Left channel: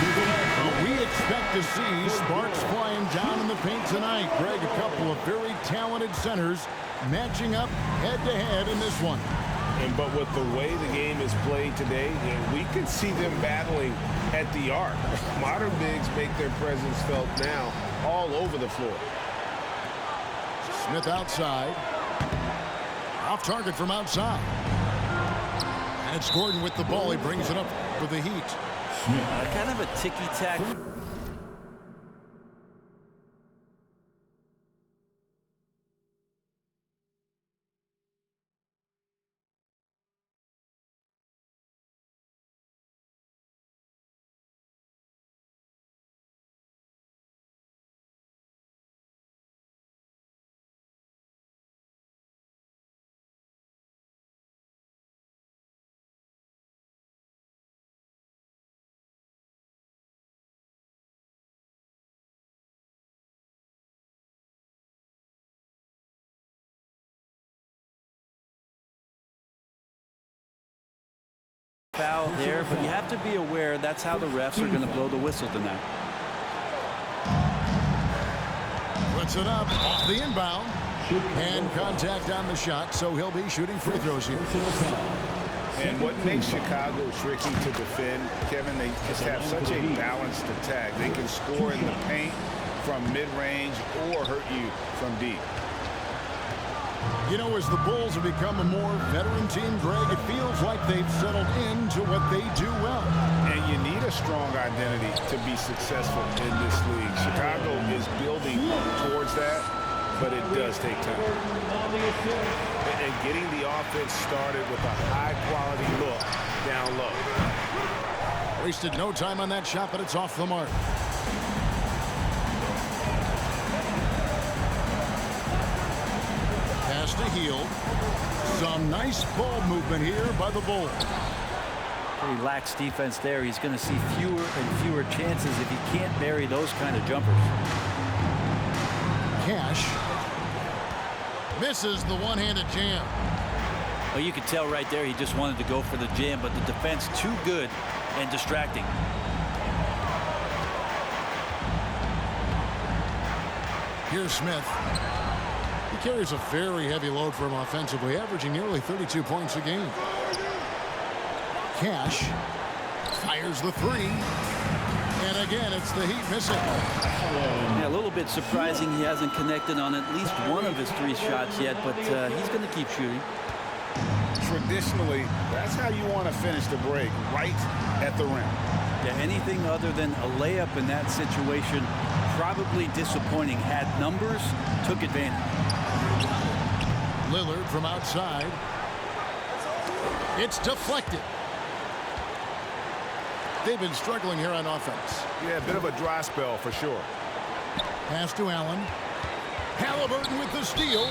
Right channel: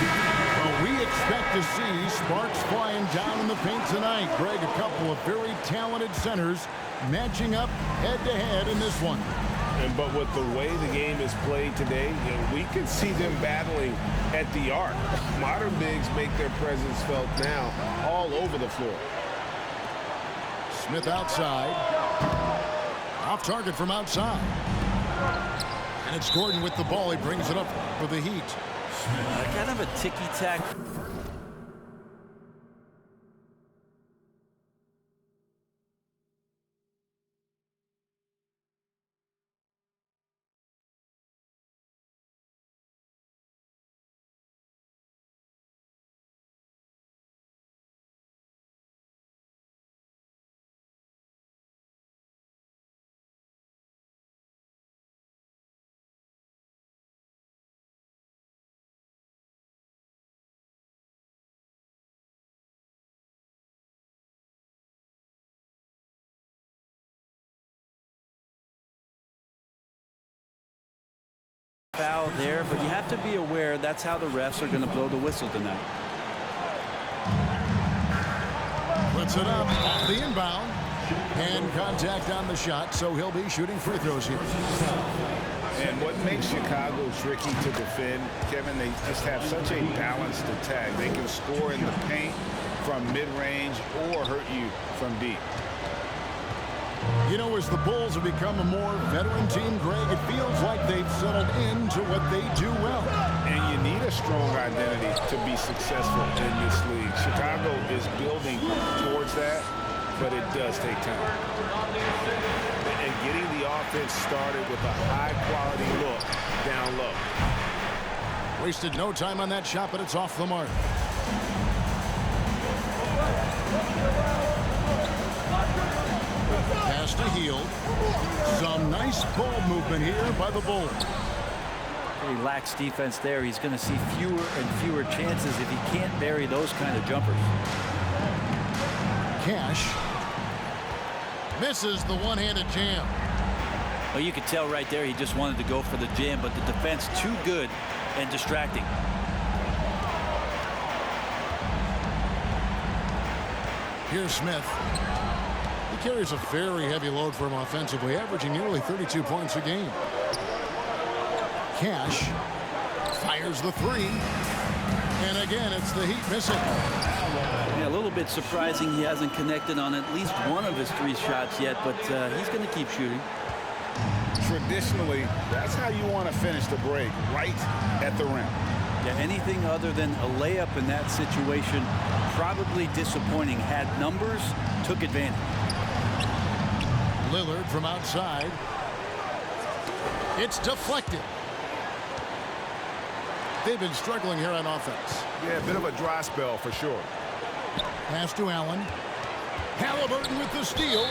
Well, we expect to see sparks flying down in the paint tonight. Greg, a couple of very talented centers matching up head-to-head in this one. But with the way the game is played today, we could see them battling at the arc. Modern bigs make their presence felt now all over the floor. Smith outside. Off target from outside. And it's Gordon with the ball. He brings it up for the Heat. Kind of a ticky-tack. Foul there, but you have to be aware that's how the refs are going to blow the whistle tonight. Puts it up off the inbound. Hand contact on the shot, so he'll be shooting free throws here. And what makes Chicago tricky to defend, Kevin, they just have such a balanced attack. They can score in the paint from mid-range or hurt you from deep. You know, as the Bulls have become a more veteran team, Greg, it feels like they've settled into what they do well. And you need a strong identity to be successful in this league. Chicago is building towards that, but it does take time. And getting the offense started with a high-quality look down low. Wasted no time on that shot, but it's off the mark. Pass to Hield. Some nice ball movement here by the Bulls. Pretty lax defense there. He's going to see fewer and fewer chances if he can't bury those kind of jumpers. Cash misses the one-handed jam. Well, you could tell right there he just wanted to go for the jam, but the defense too good and distracting. Here's Smith. He carries a very heavy load for him offensively, averaging nearly 32 points a game. Cash fires the three. And again, it's the Heat missing. Yeah, a little bit surprising he hasn't connected on at least one of his 3 shots yet, but he's going to keep shooting. Traditionally, that's how you want to finish the break, right at the rim. Yeah, anything other than a layup in that situation, probably disappointing. Had numbers, took advantage. Lillard from outside. It's deflected. They've been struggling here on offense. Yeah, a bit of a dry spell for sure. Pass to Allen. Halliburton with the steal.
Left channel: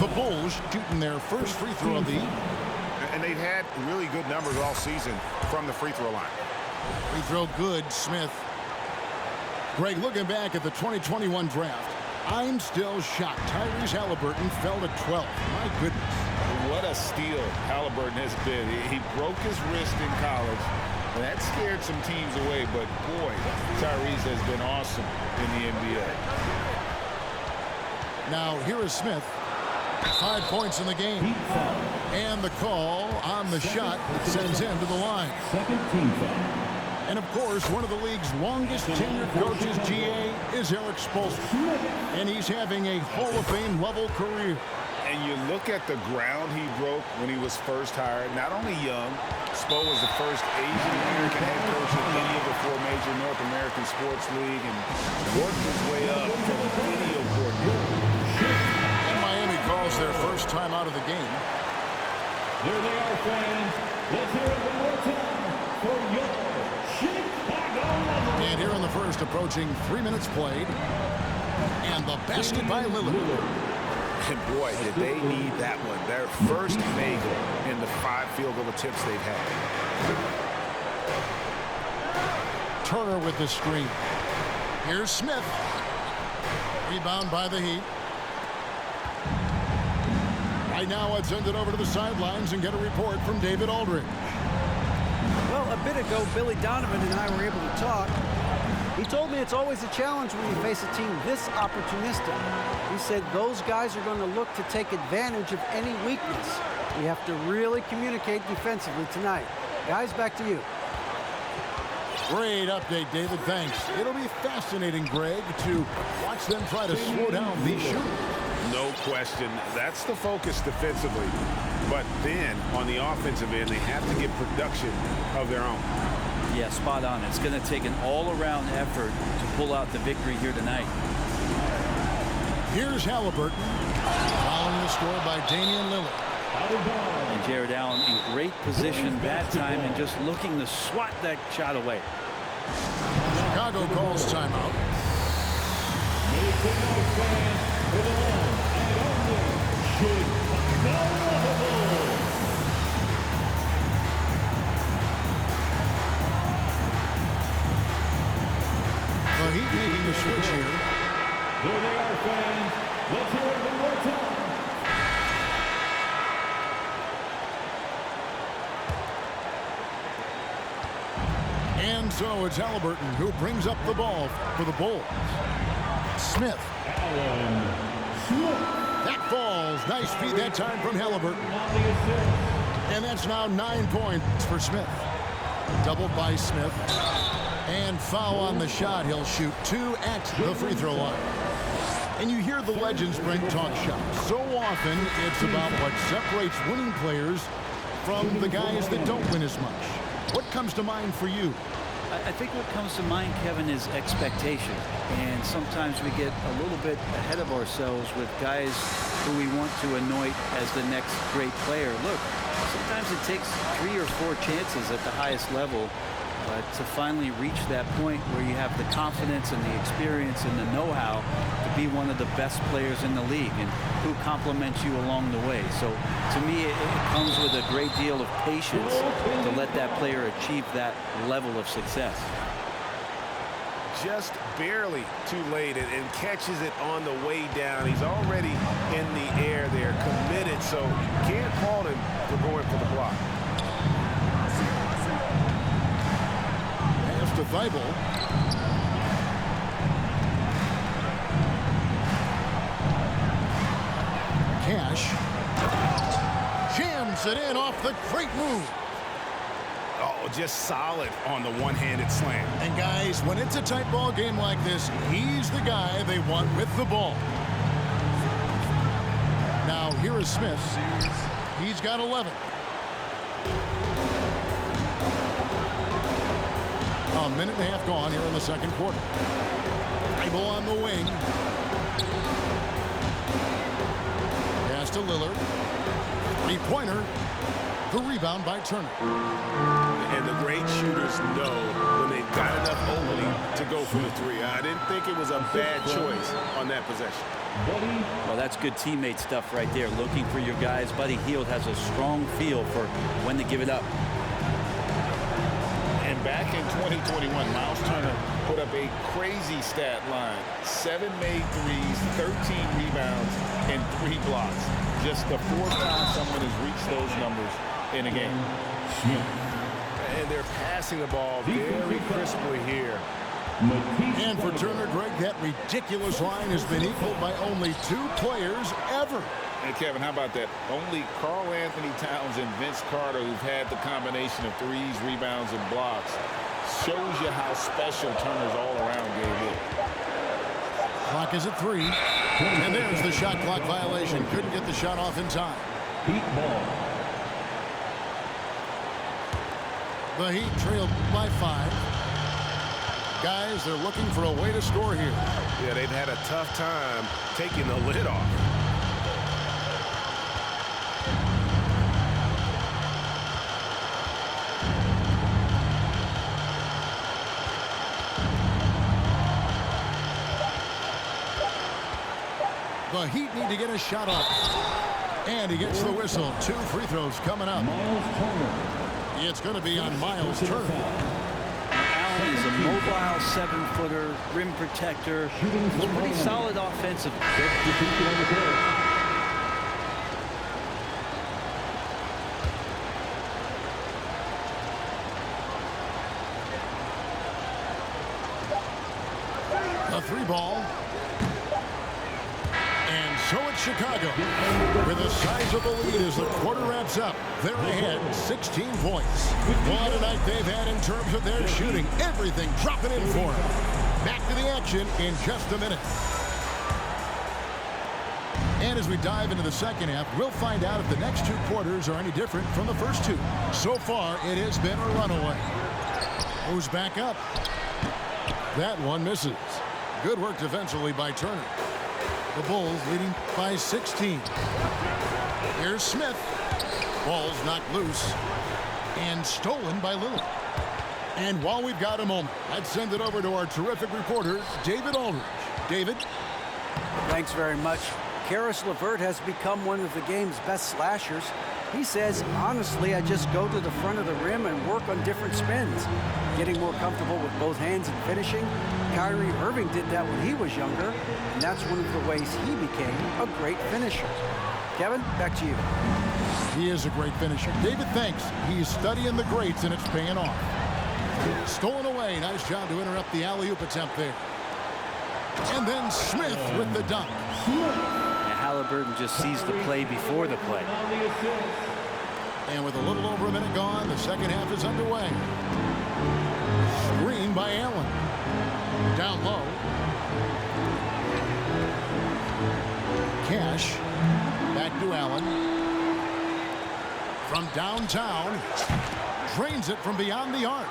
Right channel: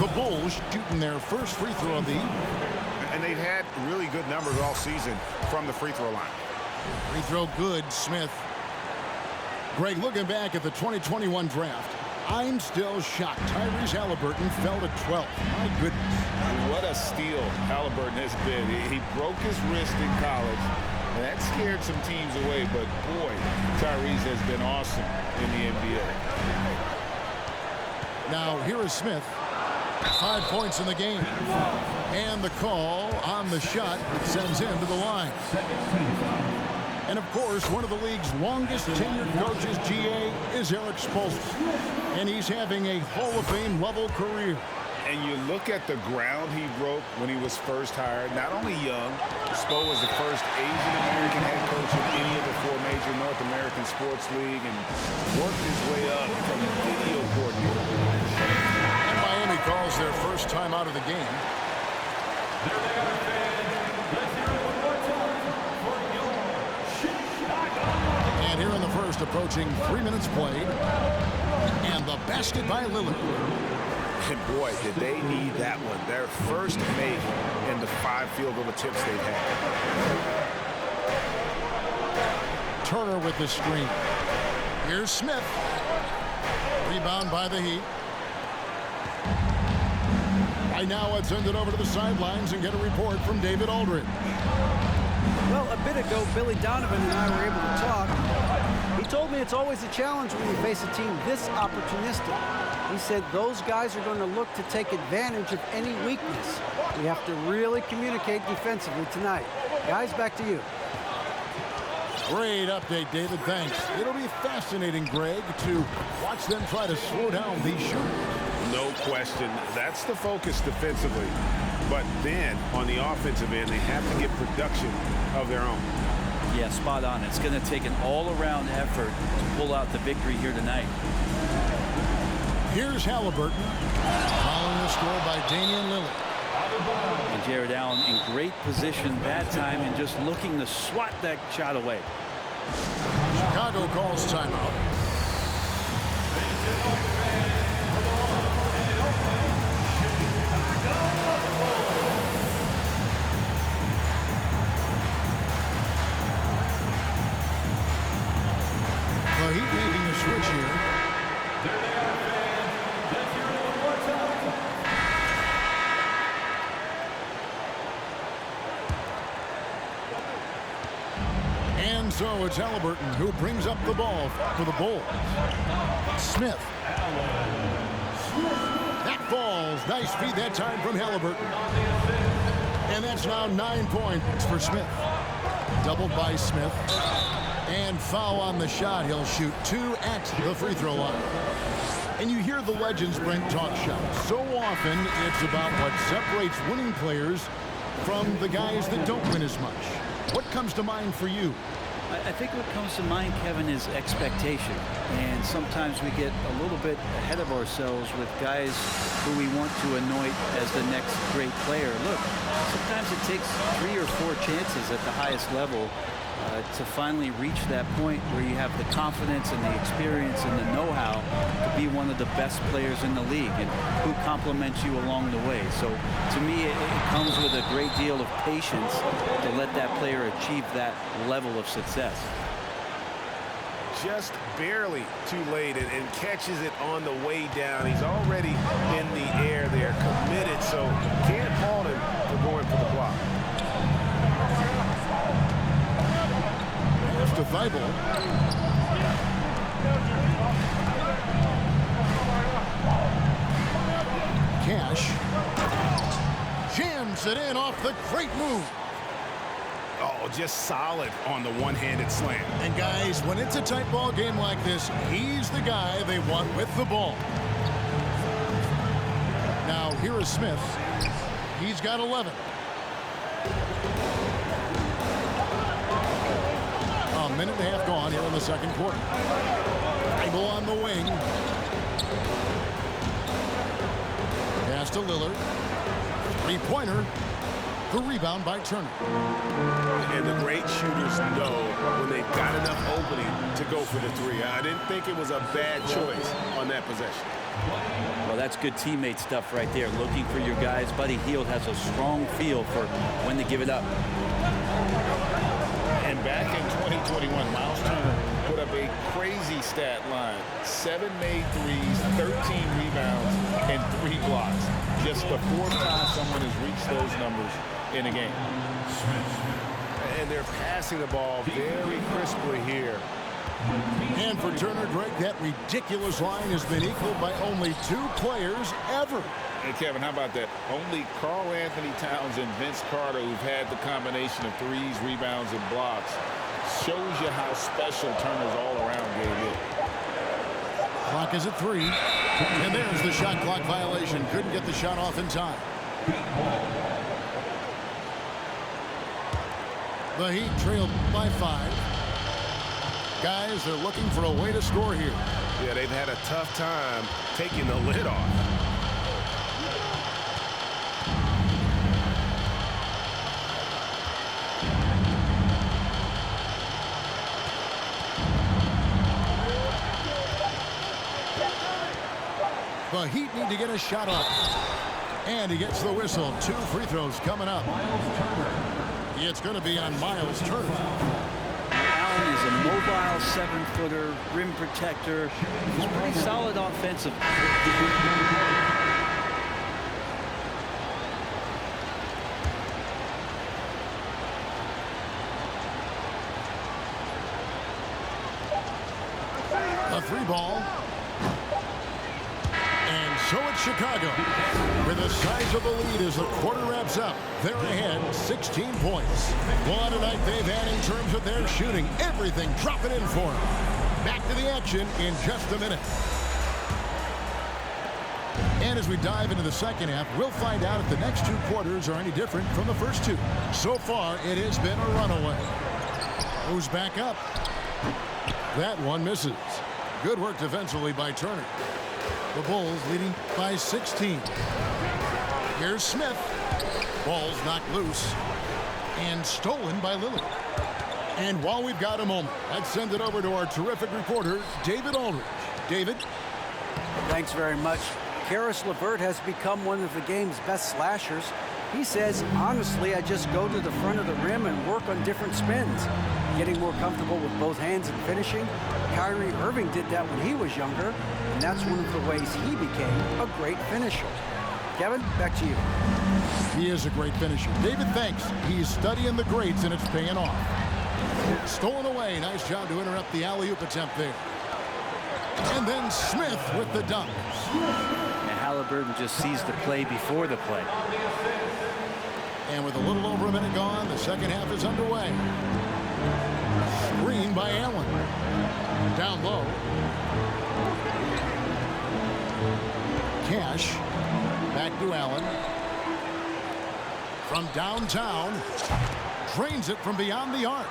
The Bulls shooting their first free throw of the evening. And they've had really good numbers all season from the free throw line. Free throw good, Smith. Greg, looking back at the 2021 draft, I'm still shocked. Tyrese Halliburton fell to 12th. My goodness. What a steal Halliburton has been. He broke his wrist in college, and that scared some teams away. But, boy, Tyrese has been awesome in the NBA. Now, here is Smith. 5 points in the game. And the call on the shot that sends him to the line. And, of course, one of the league's longest tenured coaches, GA, is Eric Spoelstra. And he's having a Hall of Fame level career. And you look at the ground he broke when he was first hired. Not only young, Spo was the first Asian-American head coach in any of the 4 major North American sports league and worked his way up from video coordinator. And Miami calls their first time out of the game. There they are, fans. Let's hear it one more time for your Chicago. And here in the first, approaching 3 minutes played. And the basket by Lillard. And boy, did they need that one. Their first make in the 5 field goal attempts they've had. Turner with the screen. Here's Smith. Rebound by the Heat. Right now, let's send it over to the sidelines and get a report from David Aldridge. Well, a bit ago, Billy Donovan and I were able to talk. He told me it's always a challenge when you face a team this opportunistic. He said those guys are going to look to take advantage of any weakness. We have to really communicate defensively tonight. Guys, back to you. Great update, David. Thanks. It'll be fascinating, Greg, to watch them try to slow down these shooters. No question. That's the focus defensively. But then, on the offensive end, they have to get production of their own. Yeah, spot on. It's going to take an all-around effort to pull out the victory here tonight. Here's Halliburton, following the score by Damian Lillard. And Jared Allen in great position that time and just looking to swat that shot away. Chicago calls timeout. The Heat making a switch here. There they are, fans. Let's hear it one more time. And so it's Halliburton who brings up the ball for the Bulls. Smith. That falls. Nice feed that time from Halliburton. And that's now 9 points for Smith. Doubled by Smith. And foul on the shot. He'll shoot 2 at the free throw line. And you hear the legends, Brent, talk shop. So often it's about what separates winning players from the guys that don't win as much. What comes to mind for you? I think what comes to mind, Kevin, is expectation. And sometimes we get a little bit ahead of ourselves with guys who we want to anoint as the next great player. Look, sometimes it takes 3 or 4 chances at the highest level to finally reach that point where you have the confidence and the experience and the know-how to be one of the best players in the league and who compliments you along the way. So to me, it comes with a great deal of patience to let that player achieve that level of success. Just barely too late and catches it on the way down. He's already in the air there, committed, so can't fault him for going for the block. Pass to Thibault. Cash jams it in off the great move. Oh, just solid on the one-handed slam. And guys, when it's a tight ball game like this, he's the guy they want with the ball. Now here is Smith. He's got 11. A minute and a half gone here in the second quarter. Thibault on the wing. Pass to Lillard. Three-pointer. The rebound by Turner. And the great shooters know when they've got enough opening to go for the three. I didn't think it was a bad choice on that possession. Well, that's good teammate stuff right there. Looking for your guys. Buddy Hield has a strong feel for when to give it up. And back in 2021, Miles Turner put up a crazy stat line. 7 made threes, 13 rebounds, and 3 blocks. Just the 4th time someone has reached those numbers in a game. And they're passing the ball very crisply here. And for Turner, Greg, that ridiculous line has been equaled by only 2 players ever. And Kevin, how about that? Only Karl Anthony Towns and Vince Carter, who've had the combination of threes, rebounds, and blocks, shows you how special Turner's all-around game is. Clock is at 3. And there's the shot clock violation. Couldn't get the shot off in time. Heat ball. The Heat trailed by 5. Guys, they're looking for a way to score here. Yeah, they've had a tough time taking the lid off. The Heat need to get a shot off. And he gets the whistle. 2 free throws coming up. Miles Turner. It's going to be on Miles Turner. Allen is a mobile 7-footer, rim protector. He's pretty solid offensively. A 3-ball. And so it's Chicago with a sizable lead as the quarter wraps up. They're ahead 16 points. What a night they've had in terms of their shooting. Everything dropping in for them. Back to the action in just a minute. And as we dive into the second half, we'll find out if the next 2 quarters are any different from the first 2. So far, it has been a runaway. Goes back up. That one misses. Good work defensively by Turner. The Bulls leading by 16. Here's Smith. Ball's knocked loose and stolen by Lillard. And while we've got a moment, let's send it over to our terrific reporter, David Aldridge. David? Thanks very much. Karis LeVert has become one of the game's best slashers. He says, honestly, I just go to the front of the rim and work on different spins. Getting more comfortable with both hands and finishing. Kyrie Irving did that when he was younger, and that's one of the ways he became a great finisher. Kevin, back to you. He is a great finisher. David, thanks. He's studying the greats, and it's paying off. Stolen away. Nice job to interrupt the alley-oop attempt there. And then Smith with the dunk. Now Halliburton just sees the play before the play. And with a little over a minute gone, the second half is underway. Screen by Allen. Down low. Cash. Back to Allen. From downtown. Drains it from beyond the arc.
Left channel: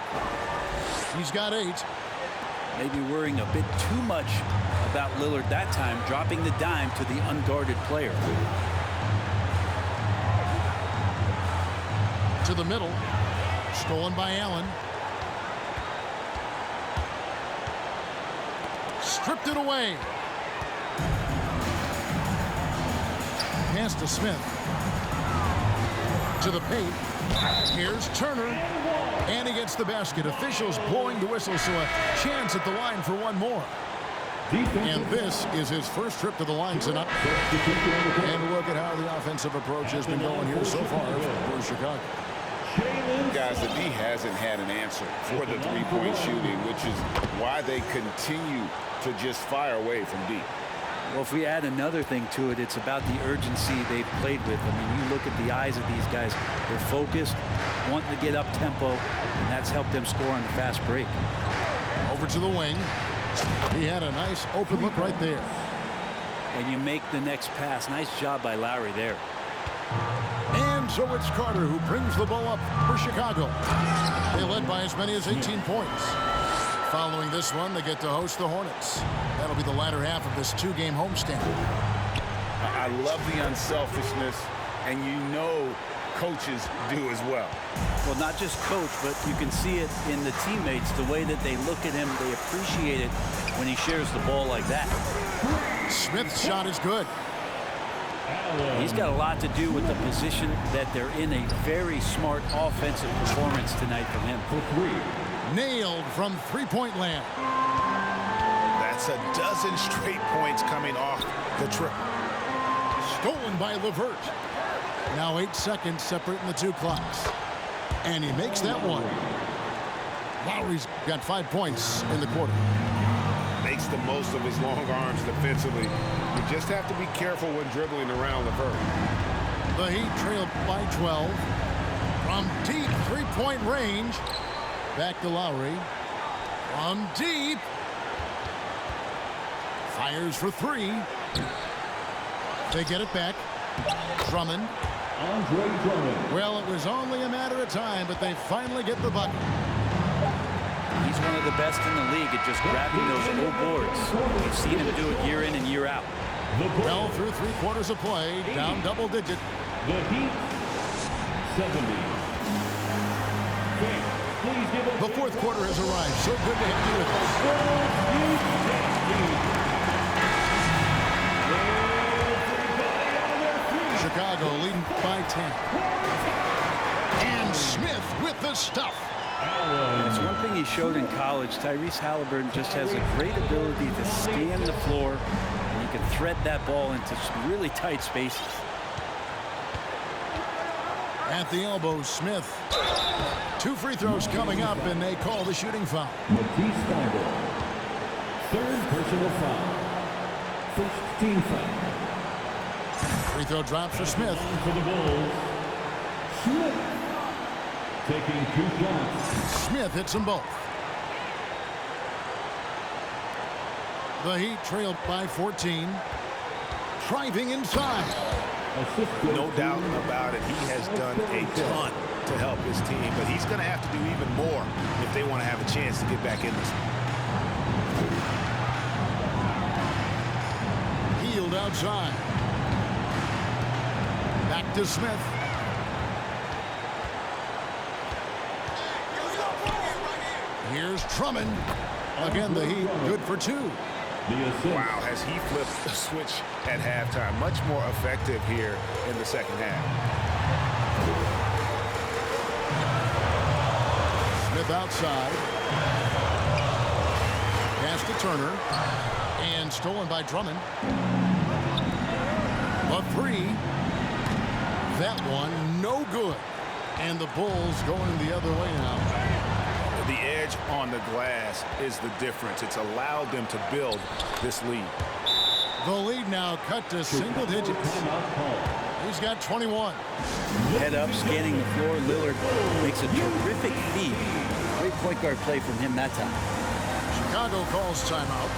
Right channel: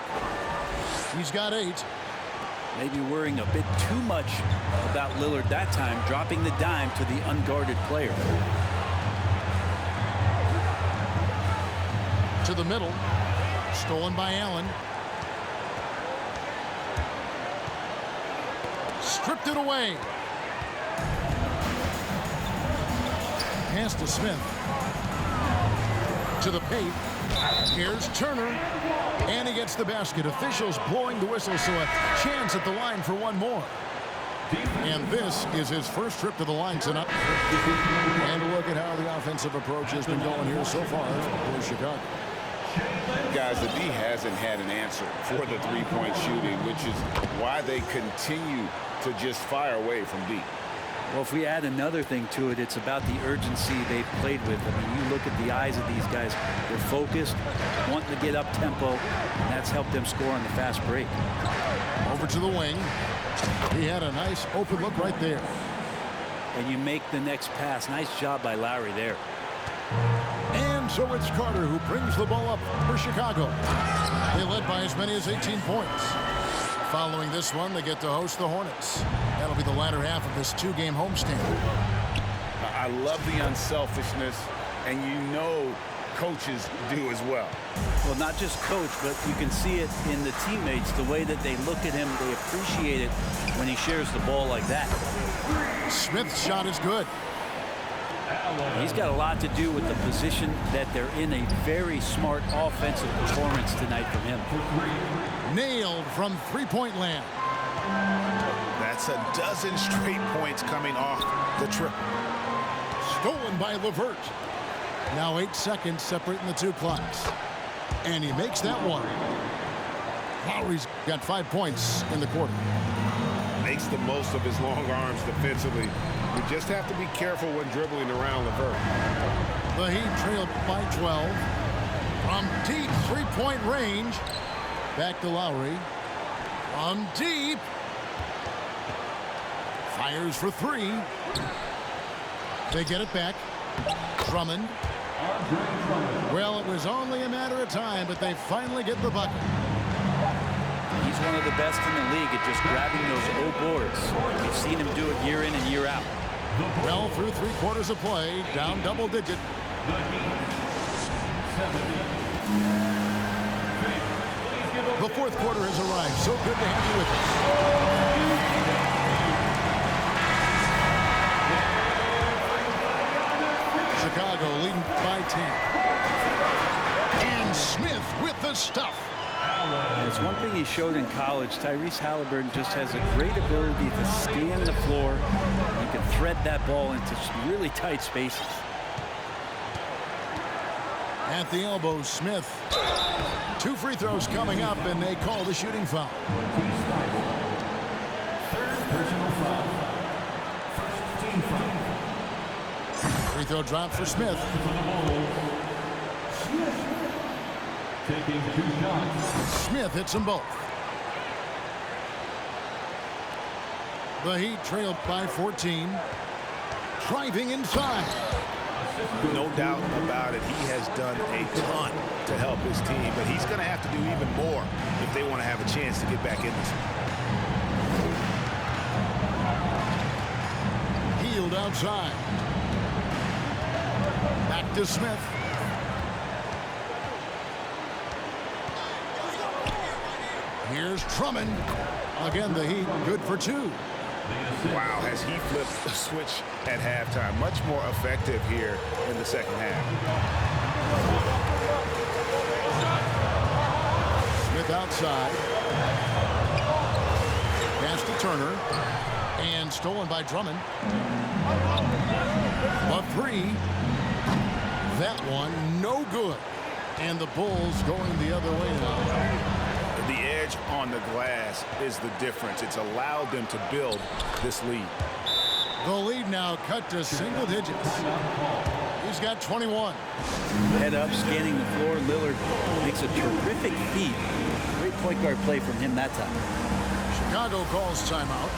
He's got 8. Maybe worrying a bit too much about Lillard that time, dropping the dime to the unguarded player. To the middle. Stolen by Allen. Stripped it away. Pass to Smith. To the paint. Here's Turner. And he gets the basket. Officials blowing the whistle, so a chance at the line for one more. And this is his first trip to the line tonight. And a look at how the offensive approach has been going here so far for Chicago. Guys, the D hasn't had an answer for the three-point shooting, which is why they continue to just fire away from deep. Well, if we add another thing to it, it's about the urgency they've played with. I mean, you look at the eyes of these guys. They're focused, wanting to get up tempo, and that's helped them score on the fast break. Over to the wing. He had a nice open look right there. And you make the next pass. Nice job by Lowry there. And so it's Carter who brings the ball up for Chicago. They led by as many as 18 points. Following this one, they get to host the Hornets. That'll be the latter half of this 2-game homestand. I love the unselfishness, and you know coaches do as well. Well, not just coach, but you can see it in the teammates, the way that they look at him. They appreciate it when he shares the ball like that. Smith's shot is good. He's got a lot to do with the position that they're in. A very smart offensive performance tonight from him. Nailed from three-point land. That's a dozen straight points coming off the trip. Stolen by LeVert. Now 8 seconds separating the 2 clocks. And he makes that one. Lowry's got 5 points in the quarter. Makes the most of his long arms defensively. You just have to be careful when dribbling around LeVert. The Heat trail by 12. From deep 3-point range. Back to Lowry. From deep. Fires for 3. They get it back. Drummond. Well, it was only a matter of time, but they finally get the bucket. He's one of the best in the league at just grabbing those O boards. We've seen him do it year in and year out. Well, through 3 quarters of play, down double digit. The Heat, 70. The 4th quarter has arrived. So good to have you with us. Chicago leading by 10. And Smith with the stuff. And it's one thing he showed in college. Tyrese Halliburton just has a great ability to scan the floor, and he can thread that ball into some really tight spaces. At the elbow, Smith. 2 free throws coming up, and they call the shooting foul. Third personal foul. First team foul. Free throw drops for Smith. For the Bulls, Smith taking 2 shots. Smith hits them both. The Heat trailed by 14. Driving inside. No doubt about it. He has done a ton to help his team, but he's going to have to do even more if they want to have a chance to get back in this one. Healed outside. Back to Smith. Here's Drummond. Again, the Heat good for 2. Wow, has he flipped the switch at halftime. Much more effective here in the second half. Smith outside. Pass to Turner. And stolen by Drummond. A 3. That one no good. And the Bulls going the other way now. The edge on the glass is the difference. It's allowed them to build this lead. The lead now cut to single digits. He's got 21. Head up, scanning the floor. Lillard makes a terrific feed. Great point guard play from him that time. Chicago calls timeout.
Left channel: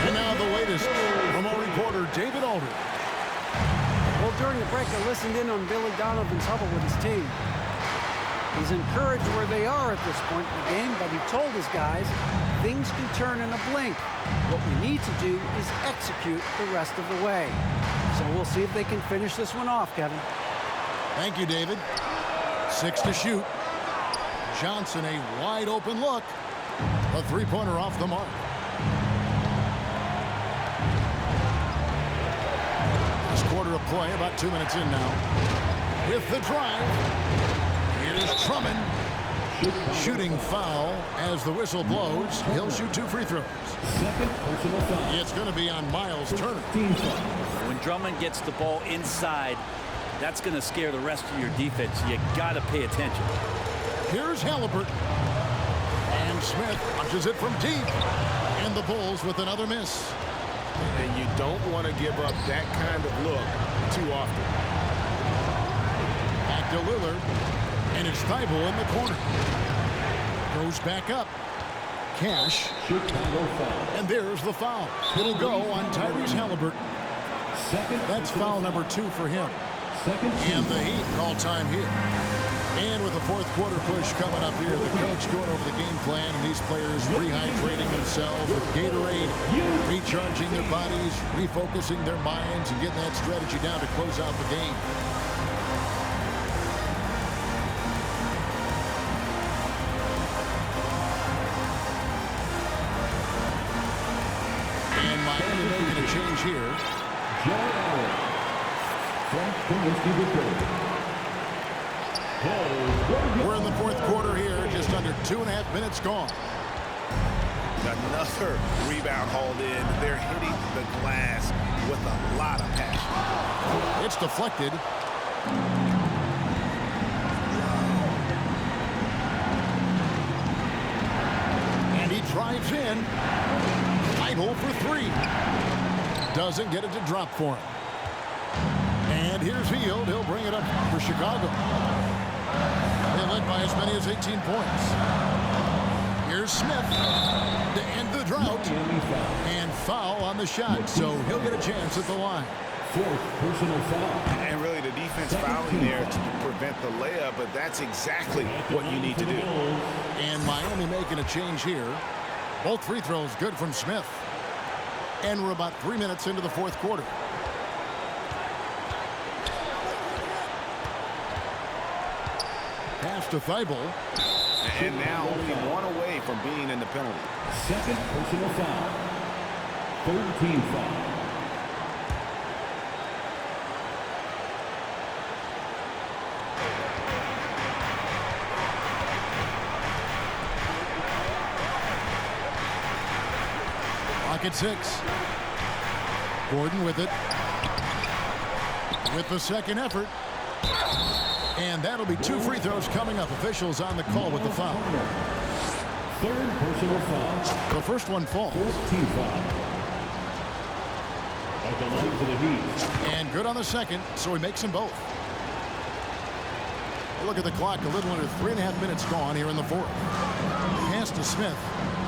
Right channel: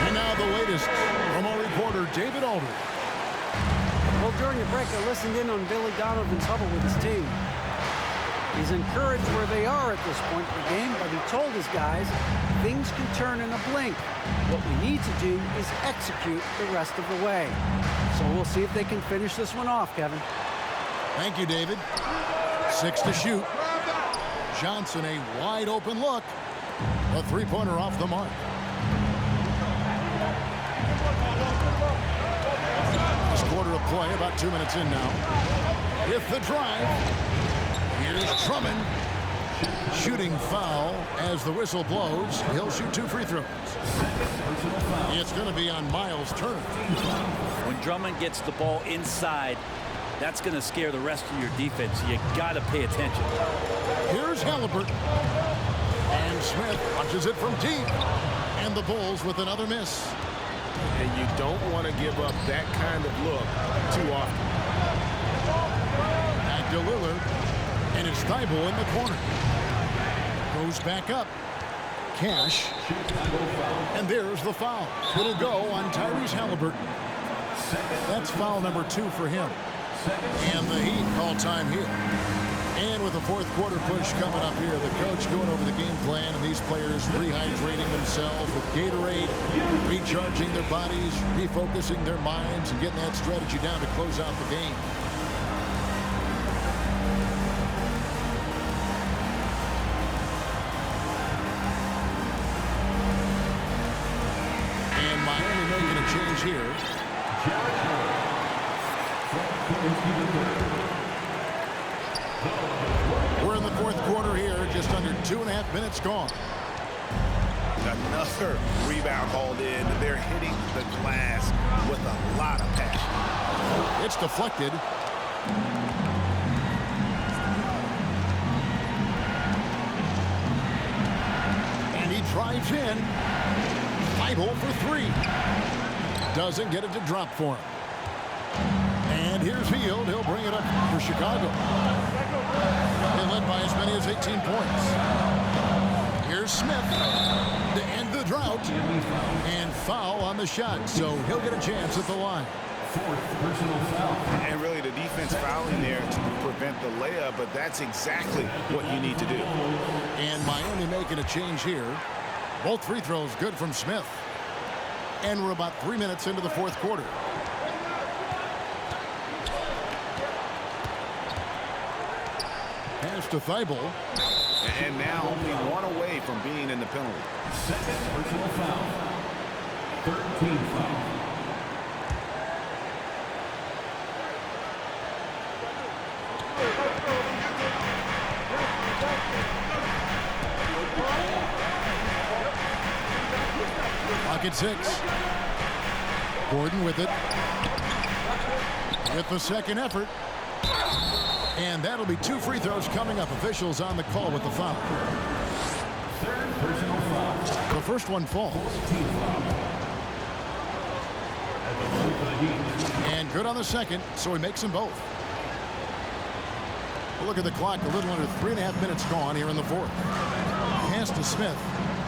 And now the latest from our reporter, David Aldridge. Well, during the break, I listened in on Billy Donovan's huddle with his team. He's encouraged where they are at this point in the game, but he told his guys things can turn in a blink. What we need to do is execute the rest of the way. So we'll see if they can finish this one off, Kevin. Thank you, David. 6 to shoot. Johnson, a wide open look. A three-pointer off the mark. This quarter of play, about 2 minutes in now. With the drive. Here's Drummond. Shooting foul as the whistle blows. He'll shoot 2 free throws. It's going to be on Miles Turner. When Drummond gets the ball inside, that's going to scare the rest of your defense. You got to pay attention. Here's Halliburton. And Smith punches it from deep. And the Bulls with another miss. And you don't want to give up that kind of look too often. Back to Lillard. And it's Thibault in the corner. Goes back up. Cash. And there's the foul. It'll go on Tyrese Halliburton. That's foul number 2 for him. And the Heat call time here. And with the fourth quarter push coming up here, the coach going over the game plan and these players rehydrating themselves with Gatorade, recharging their bodies, refocusing their minds, and getting that strategy down to close out the game. And Miami making a change here. We're in the fourth quarter here, just under 2.5 minutes gone. Another rebound hauled in. They're hitting the glass with a lot of passion. It's deflected. And he drives in. Thibault for 3. Doesn't get it to drop for him. And here's Hield. He'll bring it up for Chicago. They led by as many as 18 points. Here's Smith to end the drought. And foul on the shot, so he'll get a chance at the line. Fourth personal foul. And really the defense fouling there to prevent the layup, but that's exactly what you need to do. And Miami making a change here. Both free throws good from Smith. And we're about 3 minutes into the fourth quarter. Pass to Thibault. And now only one away from being in the penalty. Second personal foul. Third team foul. Clock at 6. Gordon with it. with the second effort. And that'll be 2 free throws coming up. Officials on the call with the foul. Third personal foul. The first one falls. 14th foul. At the line for the Heat. And good on the second, so he makes them both. A look at the clock, a little under 3.5 minutes gone here in the fourth. Pass to Smith.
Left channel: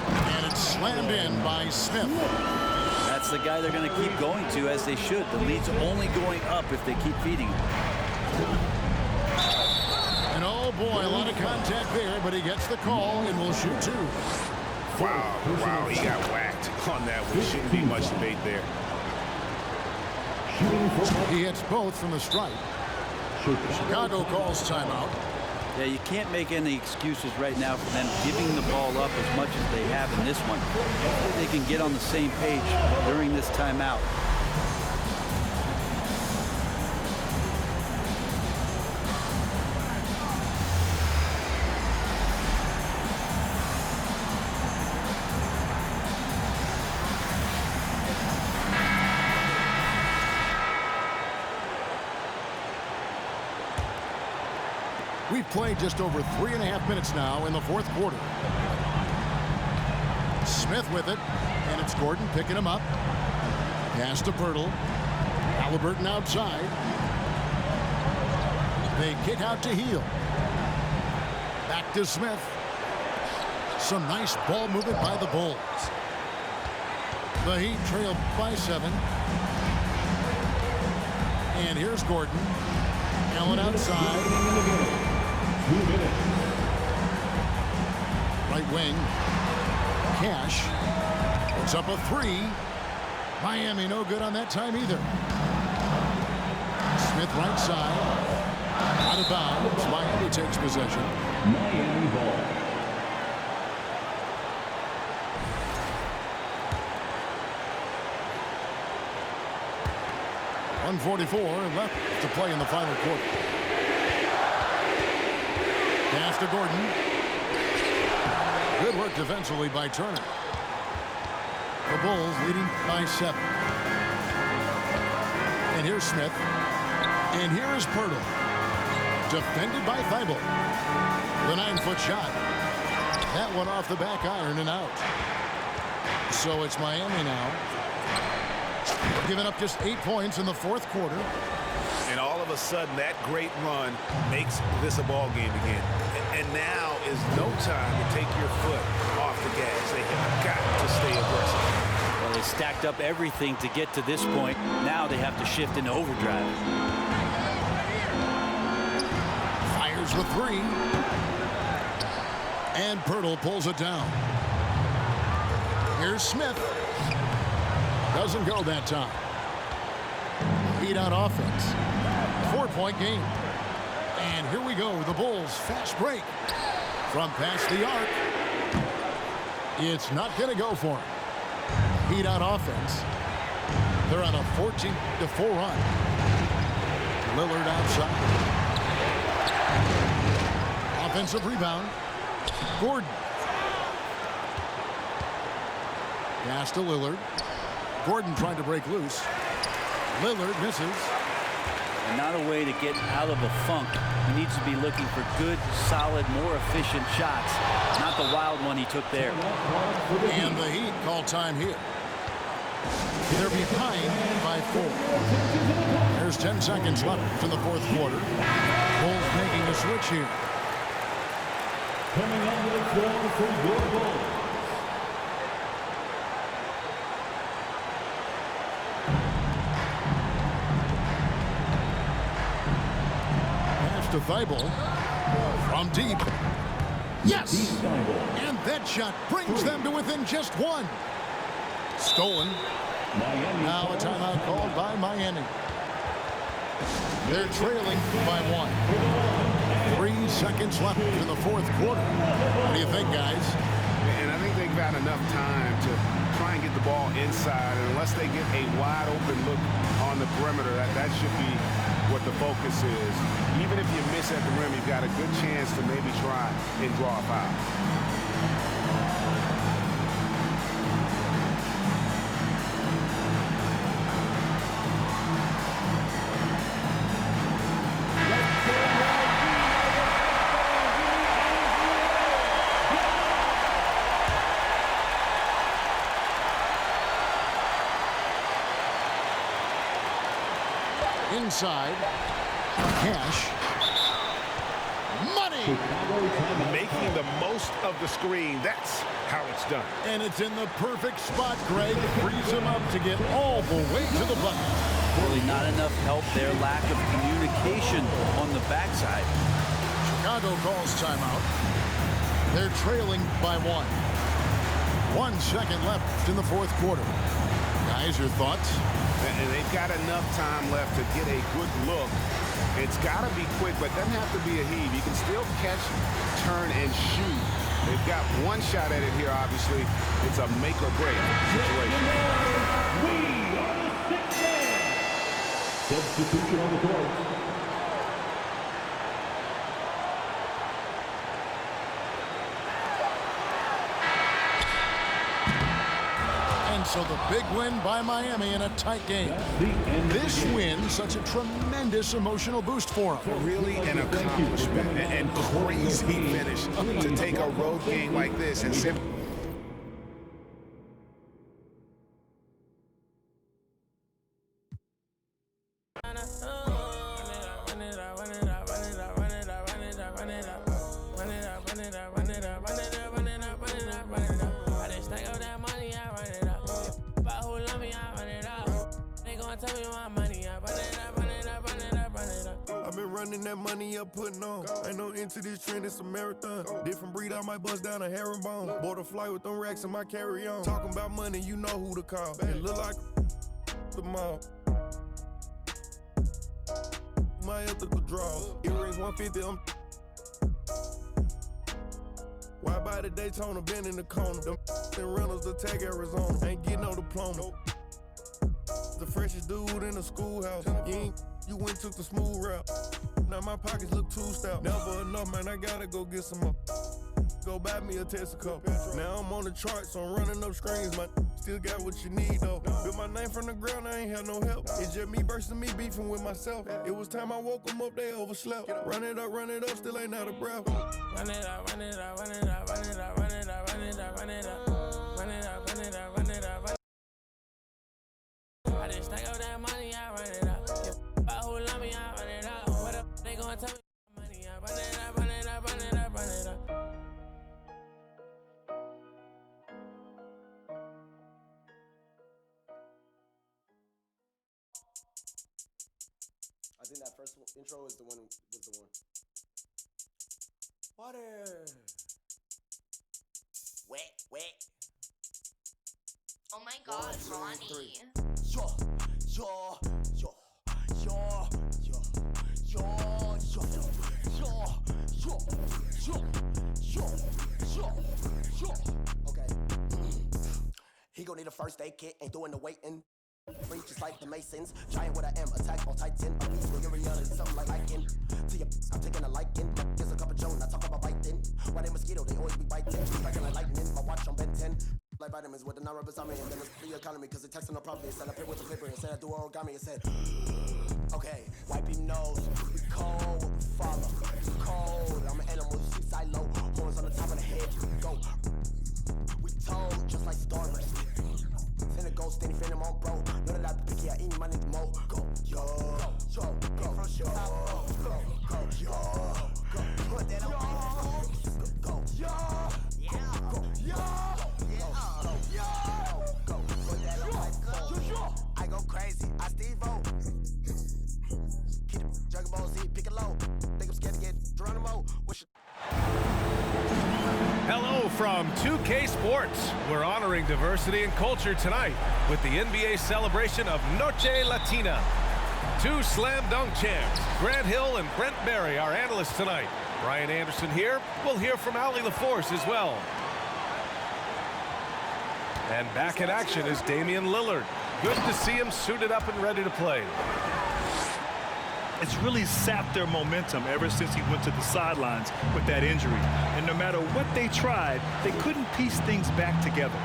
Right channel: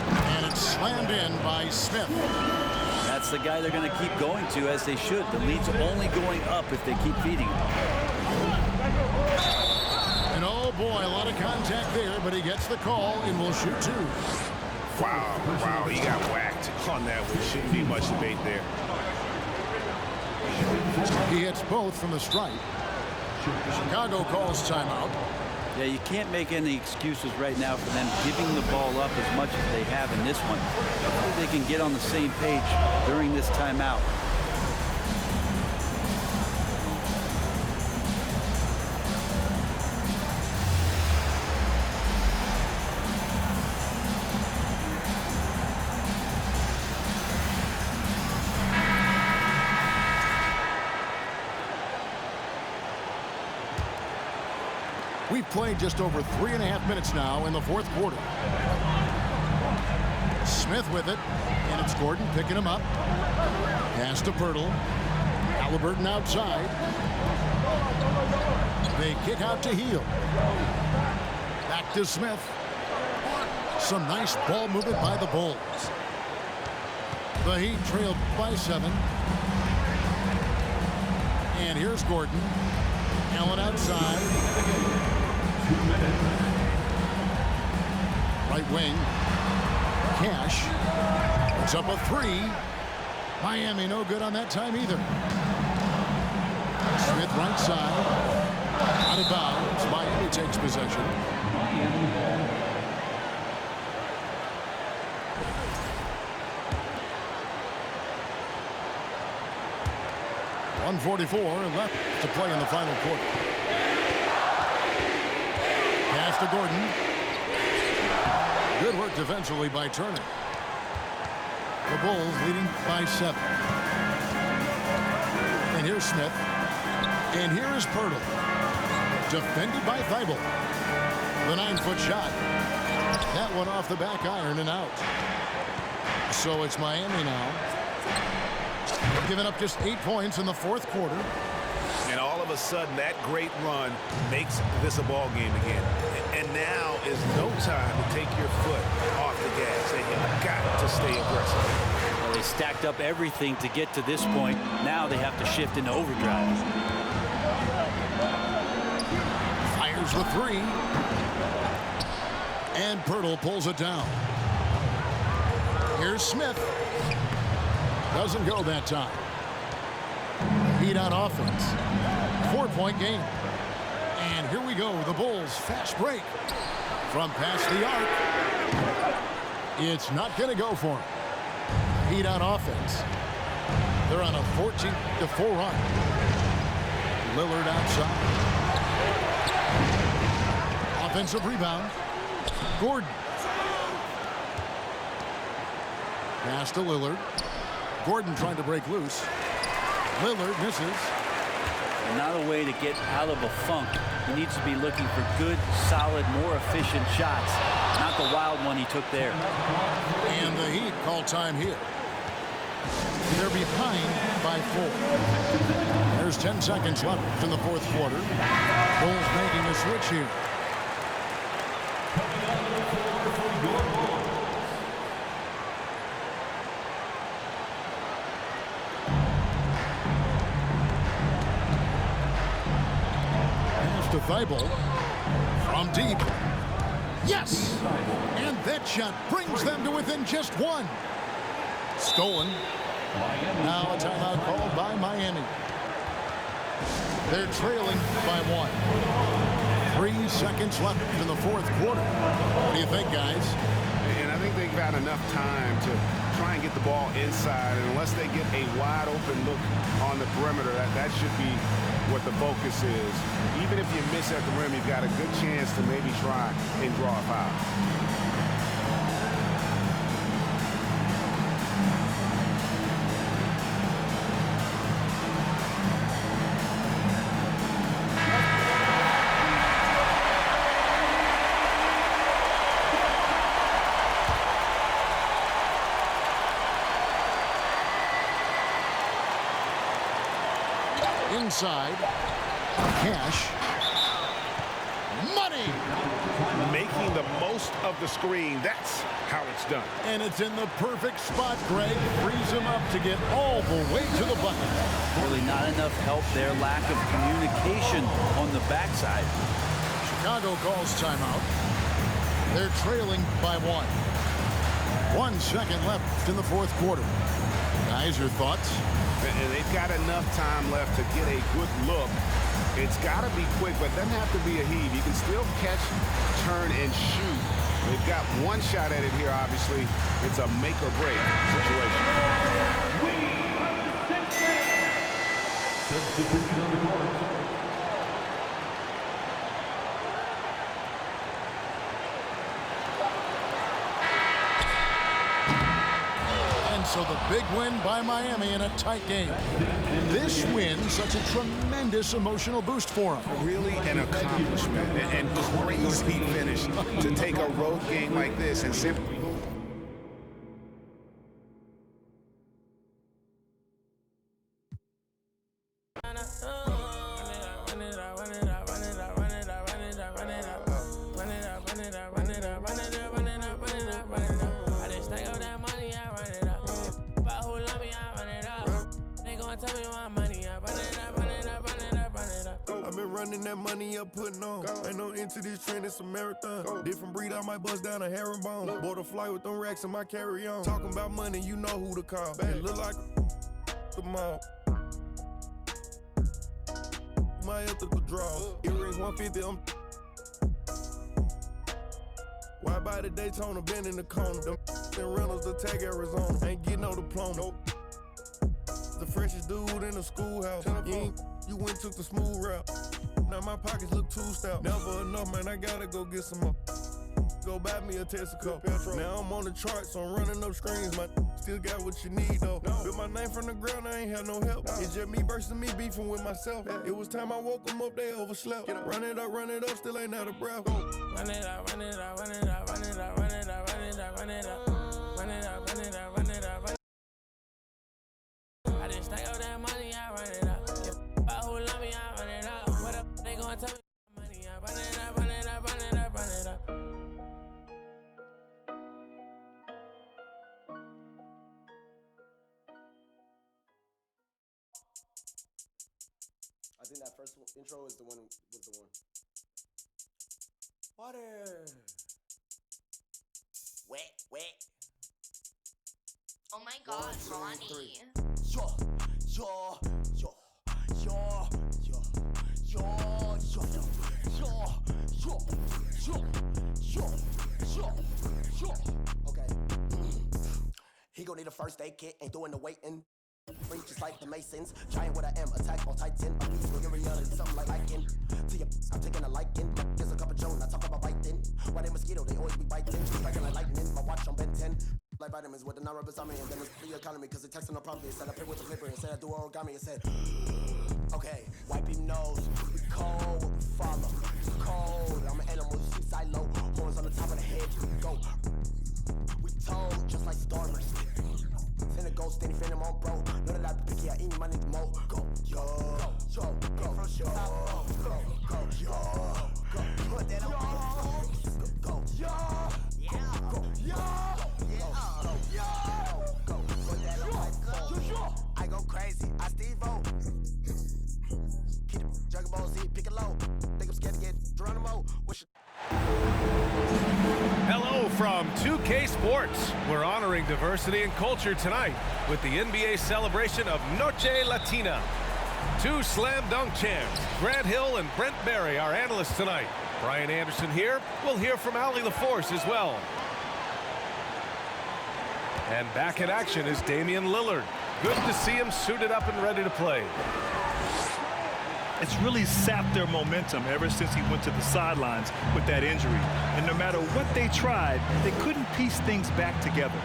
And it's slammed in by Smith. That's the guy they're going to keep going to, as they should. The lead's only going up if they keep feeding him. And oh boy, a lot of contact there, but he gets the call and will shoot 2. Wow, he got whacked on that one. Shouldn't be much debate there. He hits both from the stripe. Chicago calls timeout. Yeah, you can't make any excuses right now for them giving the ball up as much as they have in this one. Hopefully they can get on the same page during this timeout. We've played just over 3.5 minutes now in the fourth quarter. Smith with it, and it's Gordon picking him up. Pass to Pirtle. Halliburton outside. They kick out to Heel. Back to Smith. Some nice ball movement by the Bulls. The Heat trail by 7. And here's Gordon. Allen outside. 2 minutes. Right wing. Cash. Puts up a 3. Miami no good on that time either. Smith right side. Out of bounds. Miami takes possession. Miami ball. .144 left to play in the final quarter. Pass to Gordon. Good work defensively by Turner. The Bulls leading by 7. And here's Smith. And here is Pirtle. Defended by Thibault. The 9-foot shot. That one off the back iron and out. So it's Miami now. Giving up just 8 points in the fourth quarter. And all of a sudden, that great run makes this a ball game again. And now is no time to take your foot off the gas. They have got to stay aggressive. Well, they stacked up everything to get to this point. Now they have to shift into overdrive. Fires the 3. And Pirtle pulls it down. Here's Smith. Doesn't go that time. Heat on offense. 4-point game. And here we go. The Bulls fast break. From past the arc. It's not going to go for him. Heat on offense. They're on a 14-4 run. Lillard outside. Offensive rebound. Gordon. Pass to Lillard. Gordon trying to break loose. Lillard misses. And not a way to get out of a funk. He needs to be looking for good, solid, more efficient shots. Not the wild one he took there. And the Heat call time here. They're behind by 4. There's 10 seconds left in the fourth quarter. Bulls making a switch here. Coming onto the floor for your Bulls. To Thibault from deep. Yes! And that shot brings them to within just 1. Stolen. Now a timeout called by Miami. They're trailing by 1. 3 seconds left in the fourth quarter. What do you think, guys? And I think they've got enough time to try and get the ball inside. And unless they get a wide open look on the perimeter, that should be what the focus is. Even if you miss at the rim, you've got a good chance to maybe try and draw a foul. Inside. Cash. Money! Making the most of the screen. That's how it's done. And it's in the perfect spot, Greg. Frees him up to get all the way to the bucket. Really not enough help there. Lack of communication on the backside. Chicago calls timeout. They're trailing by 1. 1 second left in the fourth quarter. Guys, your thoughts? And they've got enough time left to get a good look. It's got to be quick, but it doesn't have to be a heave. You can still catch, turn, and shoot. They've got one shot at it here, obviously. It's a make or break situation. We are the 6th man. Substitution on the court. And so the big win by Miami in a tight game. This win, such a tremendous emotional boost for them. Really an accomplishment and crazy finish to take a road game like this and simply. I've been running that money up, putting on. Ain't no into this trend, it's a marathon. Different breed, I might bust down a herringbone. Bought a flight with them racks in my carry-on. Talking about money, you know who to call. It look like the mall. My ethical draw. Earrings 150, I'm. Why buy the Daytona, been in the corner? Them rentals, the tag Arizona. Ain't getting no diploma. The freshest dude in the schoolhouse. You went took the smooth route. Now my pockets look too stout. Never enough, man, I gotta go get some more. Go buy me a Texaco. Now I'm on the charts, so I'm running up screens. My still got what you need, though. Built my name from the ground, I ain't had no help. It's just me versus me beefing with myself. It was time I woke them up, they overslept. Run it up, still ain't out of breath. Run it up, run it up, run it up, run it up, run it up, run it up, run it up. Run it up, run it up, run it up, run it up. I just stack up that money, I run it up. If who love me, I run it up. What up, they gonna tell me money, I run it up, run it up, run it up, run it up. I think that first intro is the one. Water. Wet. Oh my God, Ronnie. Yo. Okay. He gon' need a first aid kit, ain't doing the waiting. Free just like the Masons, giant what I am, attack on Titan. A beast with reality, something like Lycan. To your, I'm taking a liking. There's a cup of Joe, I talk about biting. Why they mosquito, they always be biting. Striking like lightning, my watch on Ben 10. Like vitamins with the non-rubbers on me, and then it's the economy, cause it texting no problem. It said I pay with the clipper, it said I do origami, it said, okay, wipe your nose, we cold, we follow, cold, I'm an animal, you see silo, horns on the top of the head, go, we told, just like starters, send a ghost, then he fin him on bro, none of that picky, I eat my nigga mo, go, put that on, go, I go crazy, I Steve-O. Keep the Dragon Ball Z, pick it low. Think I'm scared to get Geronimo. Hello from 2K Sports. We're honoring diversity and culture tonight with the NBA celebration of Noche Latina. Two slam dunk champs, Grant Hill and Brent Barry, our analysts tonight. Brian Anderson here. We'll hear from Allie LaForce as well. And back in action is Damian Lillard. Good to see him suited up and ready to play. It's really sapped their momentum ever since he went to the sidelines with that injury. And no matter what they tried, they couldn't piece things back together.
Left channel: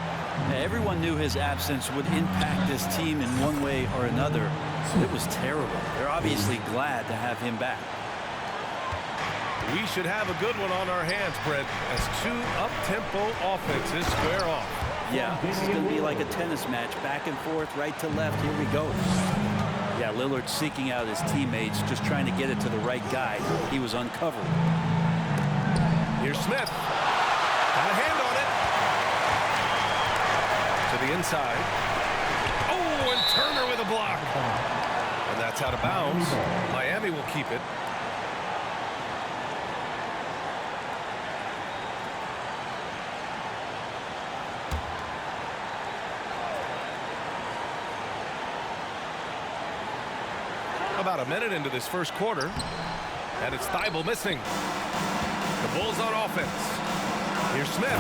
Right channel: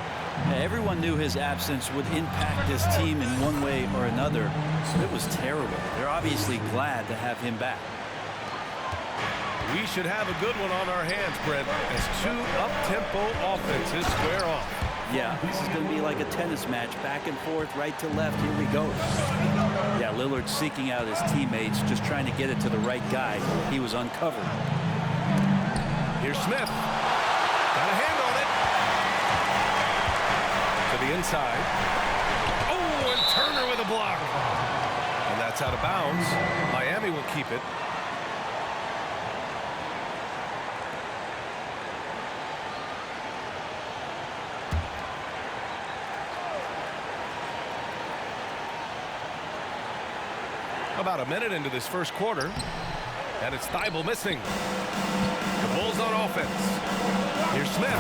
Everyone knew his absence would impact this team in one way or another. So it was terrible. They're obviously glad to have him back. We should have a good one on our hands, Brent, as two up-tempo offenses square off. Yeah, this is going to be like a tennis match, back and forth, right to left. Here we go. Yeah, Lillard seeking out his teammates, just trying to get it to the right guy. He was uncovered. Here's Smith. Got a hand on it. To the inside. Oh, and Turner with a block. And that's out of bounds. Miami will keep it. About a minute into this first quarter, and it's Thibault missing. The Bulls on offense. Here's Smith.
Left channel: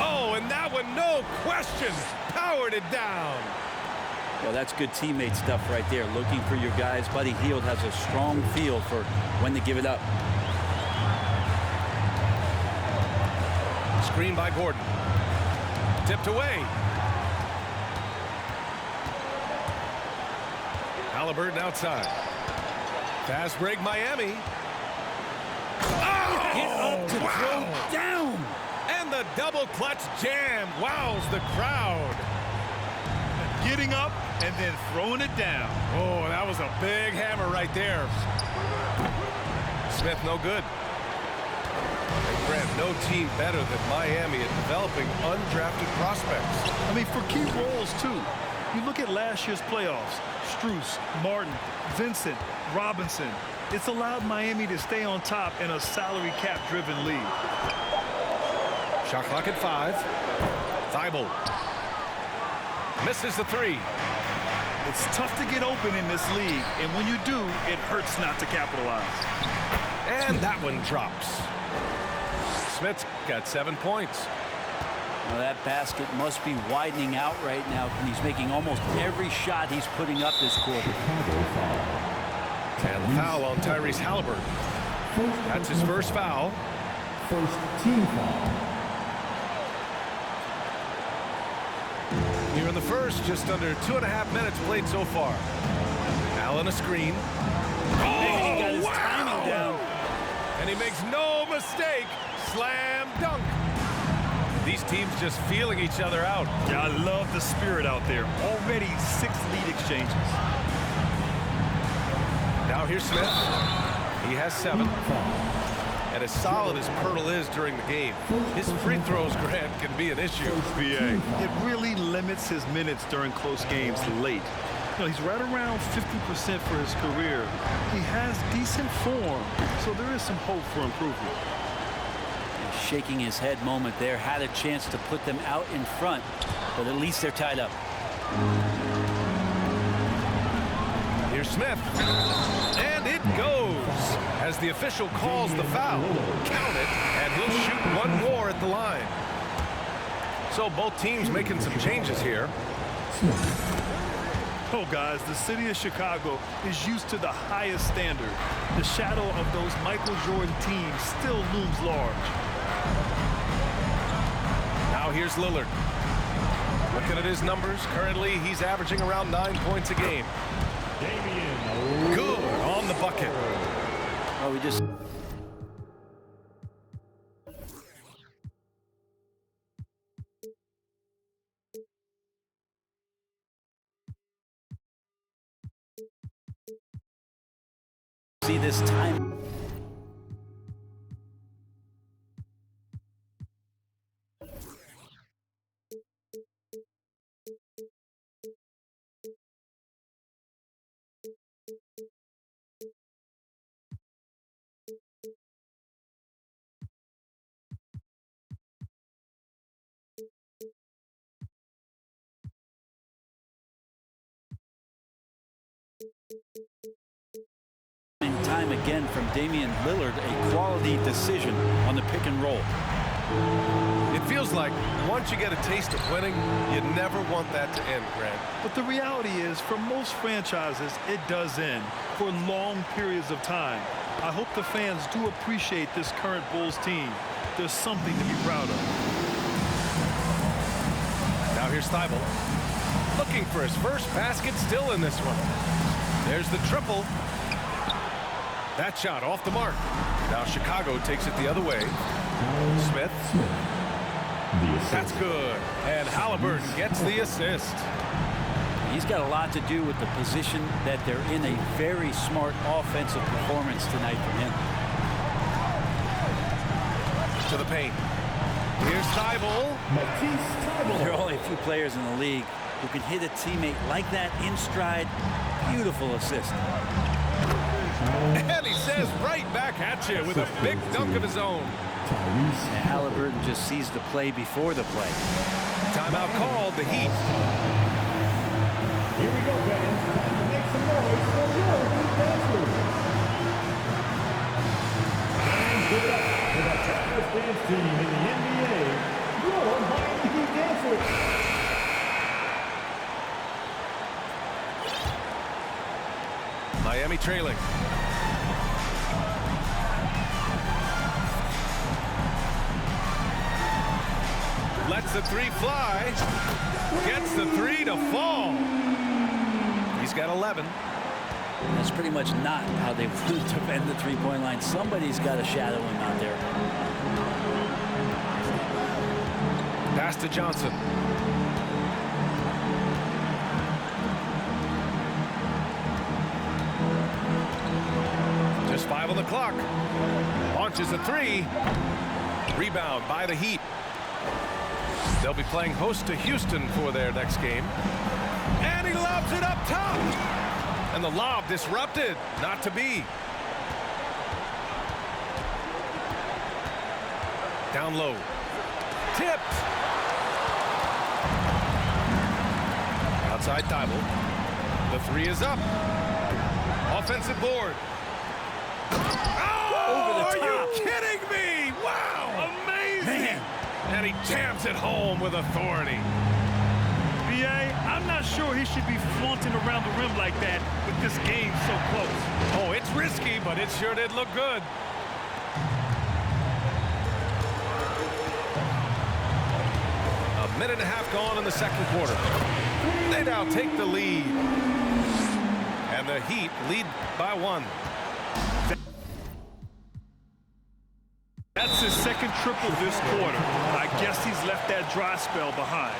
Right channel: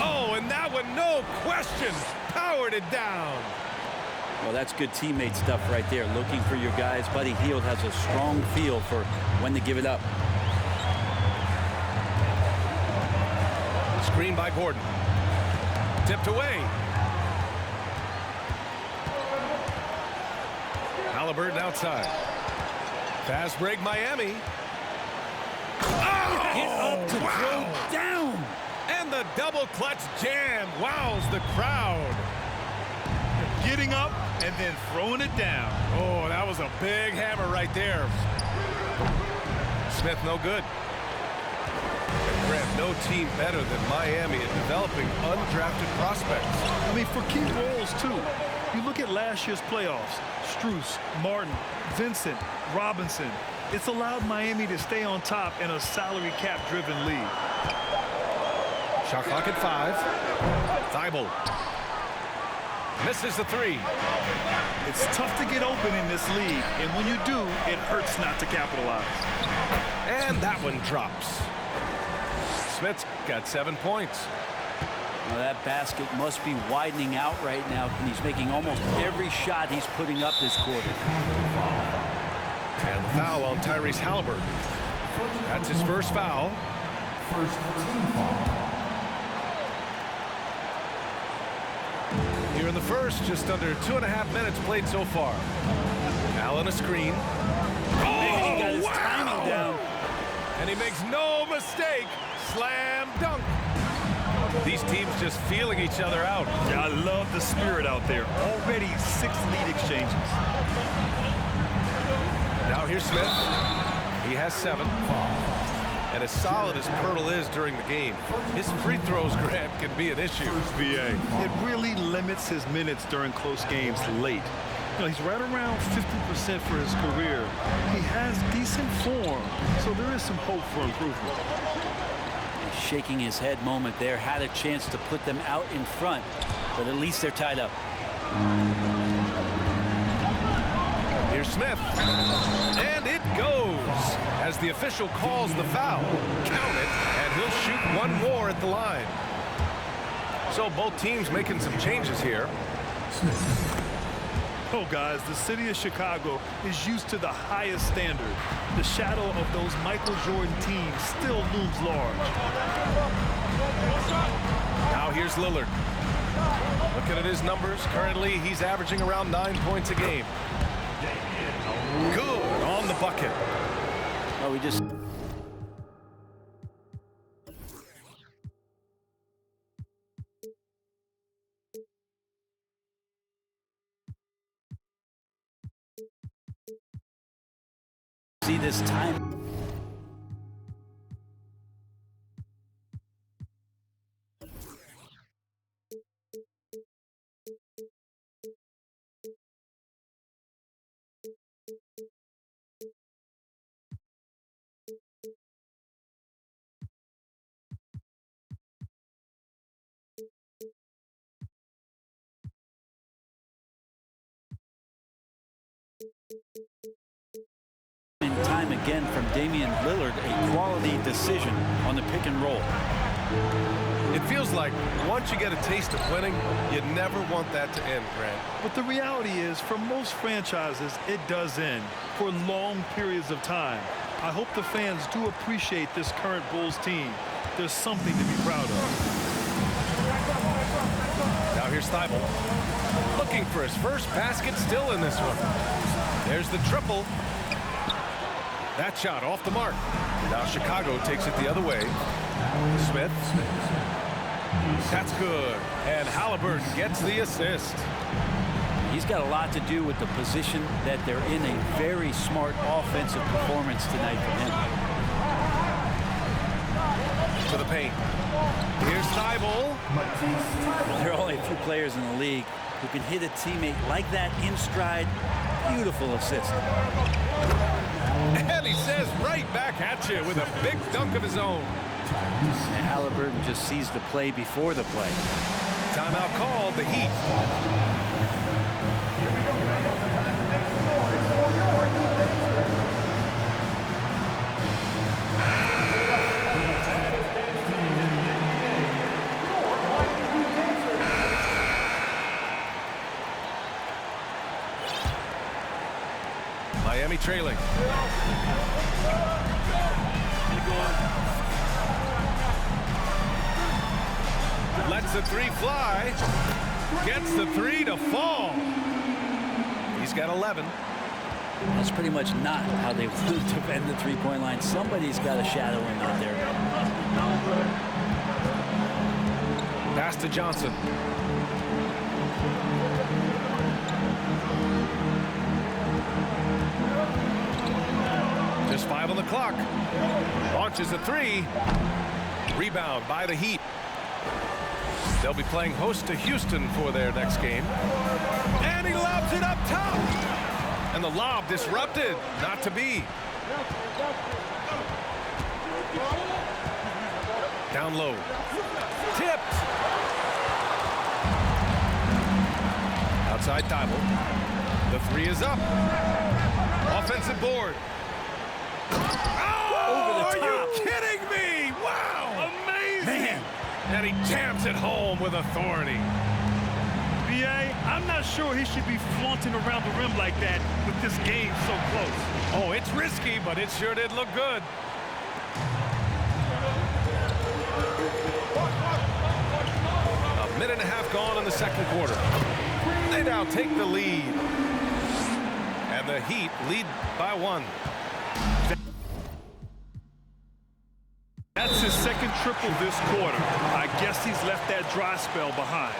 Oh, and that one, no question, powered it down. Well, that's good teammate stuff right there. Looking for your guys. Buddy Hield has a strong feel for when to give it up. Screen by Gordon. Tipped away. Halliburton outside. Fast break, Miami. Oh, Get up to throw down. And the double clutch jam wows the crowd. Getting up and then throwing it down. Oh, that was a big hammer right there. Smith no good. And Grant, no team better than Miami at developing undrafted prospects. I mean, for key roles, too. You look at last year's playoffs, Strus, Martin, Vincent, Robinson. It's allowed Miami to stay on top in a salary cap-driven league. Shot clock at 5. Thibault. Misses the 3. It's tough to get open in this league, and when you do, it hurts not to capitalize. And that one drops. Smith's got 7 points. Well, that basket must be widening out right now, and he's making almost every shot he's putting up this quarter. And the foul on Tyrese Halliburton. That's his first foul. First team foul. Here in the first, just under 2.5 minutes played so far. Allen a screen. Oh, he got his timing down. And he makes no mistake. Slam dunk. These teams just feeling each other out. Yeah, I love the spirit out there. Already 6 lead exchanges. Now here's Smith. He has 7. And as solid as Pirtle is during the game, his free throws, Grant, can be an issue. BA. It really limits his minutes during close games late. You know, he's right around 50% for his career. He has decent form, so there is some hope for improvement. And shaking his head moment there, had a chance to put them out in front, but at least they're tied up. Here's Smith. And it goes. As the official calls the foul, count it, and he'll shoot one more at the line. So both teams making some changes here. Oh, guys, the city of Chicago is used to the highest standard. The shadow of those Michael Jordan teams still looms large. Now here's Lillard. Looking at his numbers, currently he's averaging around 9 points a game. Good on the bucket. Well, we just... see this time. Time again from Damian Lillard, a quality decision on the pick and roll. It feels like once you get a taste of winning, you never want that to end, Grant. But the reality is, for most franchises, it does end for long periods of time. I hope the fans do appreciate this current Bulls team. There's something to be proud of. Now here's Thibault. Looking for his first basket still in this one. There's the triple. That shot off the mark. Now Chicago takes it the other way. Smith. That's good. And Halliburton gets the assist. He's got a lot to do with the position that they're in. A very smart offensive performance tonight from him. To the paint. Here's Thibault. There are only a few players in the league who can hit a teammate like that in stride. Beautiful assist. And he says right back at you with a big dunk of his own. And Halliburton just sees the play before the play. Timeout called, the Heat. Here we go, fans. Time to make some noise for your Heat dancers. And give it up to the fastest dance team in the NBA, your Miami Heat dancers. Miami trailing. Lets the three fly. Gets the three to fall. He's got 11. That's pretty much not how they want to defend the three-point line. Somebody's got to shadow him out there. Pass to Johnson. Just 5 on the clock. Launches a three. Rebound by the Heat. They'll be playing host to Houston for their next game. And he lobs it up top. And the lob disrupted. Not to be. Down low. Tipped. Outside Thibault. The three is up. Offensive board. Oh, are you kidding me? Wow. Amazing. Man. And he jams it home with authority. B.A., I'm not sure he should be flaunting around the rim like that with this game so close. Oh, it's risky, but it sure did look good. A minute and a half gone in the second quarter. They now take the lead. And the Heat lead by 1. That's his second triple this quarter. I guess he's left that dry spell behind.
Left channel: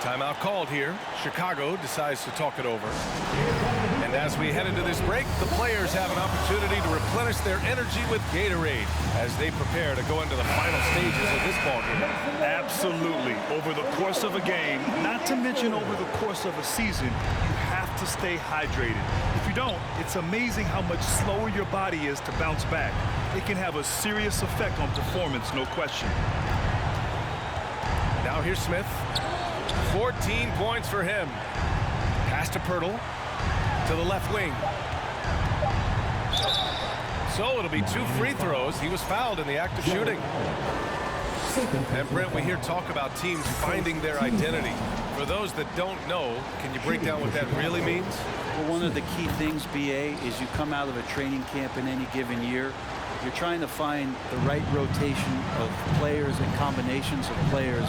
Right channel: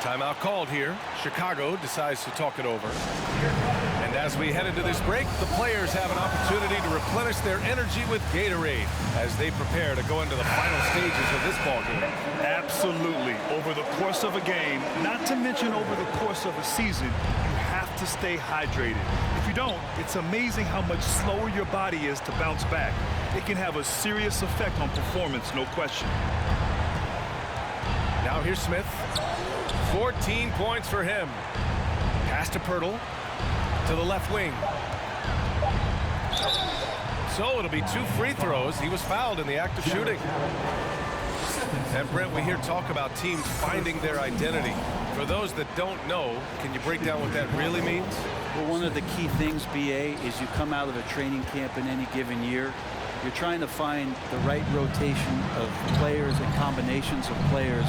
Timeout called here. Chicago decides to talk it over. And as we head into this break, the players have an opportunity to replenish their energy with Gatorade as they prepare to go into the final stages of this ballgame. Absolutely. Over the course of a game, not to mention over the course of a season, you have to stay hydrated. If you don't, it's amazing how much slower your body is to bounce back. It can have a serious effect on performance, no question. Now here's Smith. 14 points for him. Pass to Pirtle. To the left wing. So it'll be 2 free throws. He was fouled in the act of shooting. And Brent, we hear talk about teams finding their identity. For those that don't know, can you break down what that really means? Well, one of the key things, BA, is you come out of a training camp in any given year. You're trying to find the right rotation of players and combinations of players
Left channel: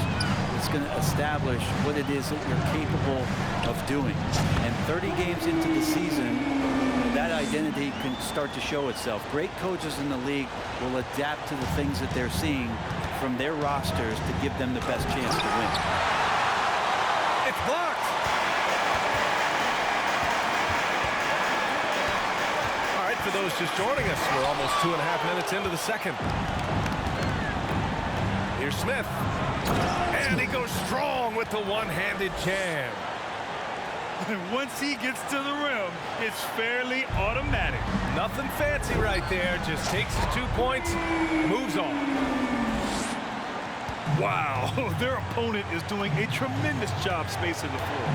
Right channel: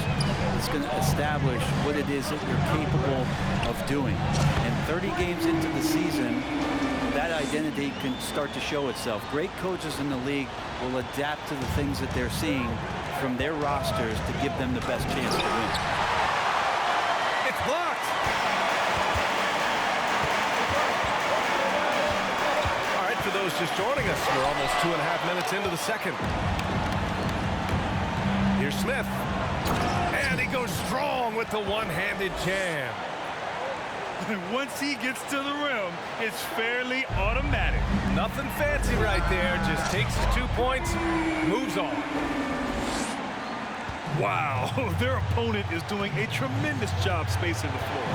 that's going to establish what it is that you're capable of doing. And 30 games into the season, that identity can start to show itself. Great coaches in the league will adapt to the things that they're seeing from their rosters to give them the best chance to win. It's blocked. All right, for those just joining us, we're almost 2.5 minutes into the second. Here's Smith. And he goes strong with the one-handed jam. Once he gets to the rim, it's fairly automatic. Nothing fancy right there. Just takes the 2 points, moves on. Wow, their opponent is doing a tremendous job spacing the floor.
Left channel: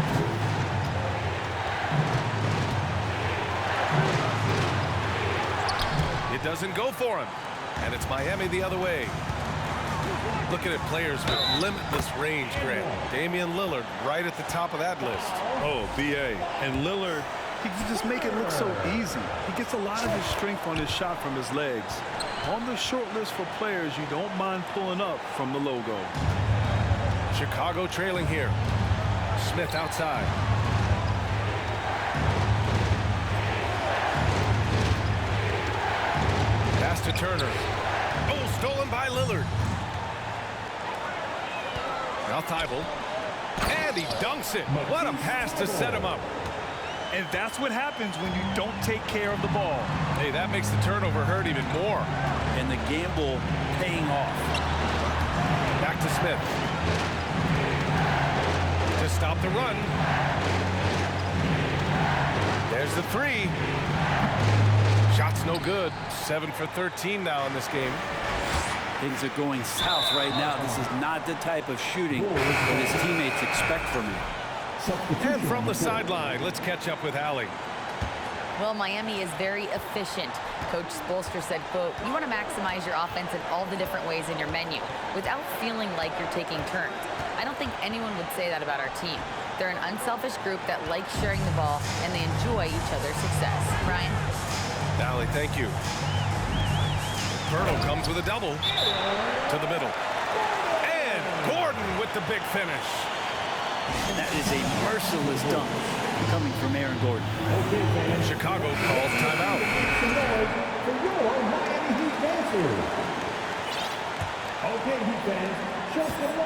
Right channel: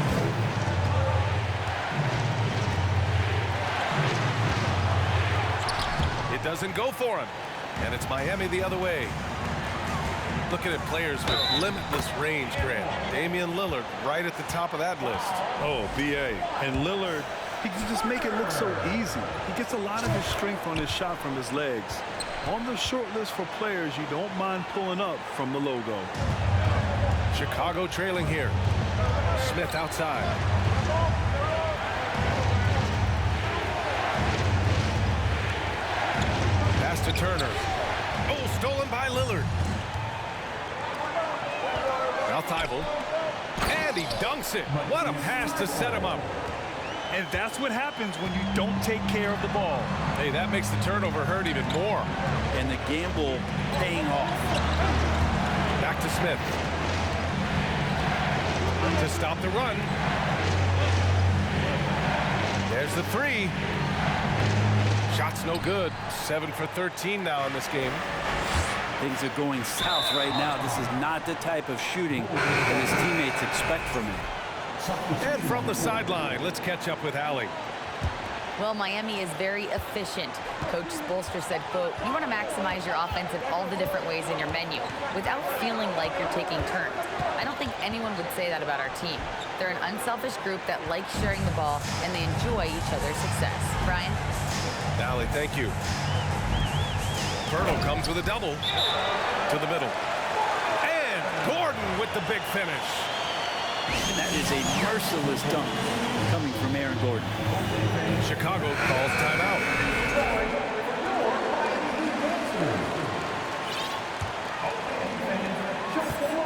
It doesn't go for him. And it's Miami the other way. Looking at players with limitless range, Grant. Damian Lillard right at the top of that list. Oh, B.A. And Lillard, he can just make it look so easy. He gets a lot of his strength on his shot from his legs. On the short list for players you don't mind pulling up from the logo. Chicago trailing here. Smith outside. Pass to Turner. Oh, stolen by Lillard. Now Thibault. And And he dunks it. What a pass to set him up. And that's what happens when you don't take care of the ball. Hey, that makes the turnover hurt even more. And the gamble paying off. Back to Smith. To stop the run. There's the three. Shot's no good. 7 for 13 now in this game. Things are going south right now. This is not the type of shooting that his teammates expect from him. And from the sideline, let's catch up with Allie. Well, Miami is very efficient. Coach Spoelstra said, quote, "You want to maximize your offense in all the different ways in your menu without feeling like you're taking turns." I don't think anyone would say that about our team. They're an unselfish group that likes sharing the ball, and they enjoy each other's success. Brian? Allie, thank you. Pirtle comes with a double to the middle. And Gordon with the big finish. And that is a merciless dunk coming from Aaron Gordon. Chicago calls timeout.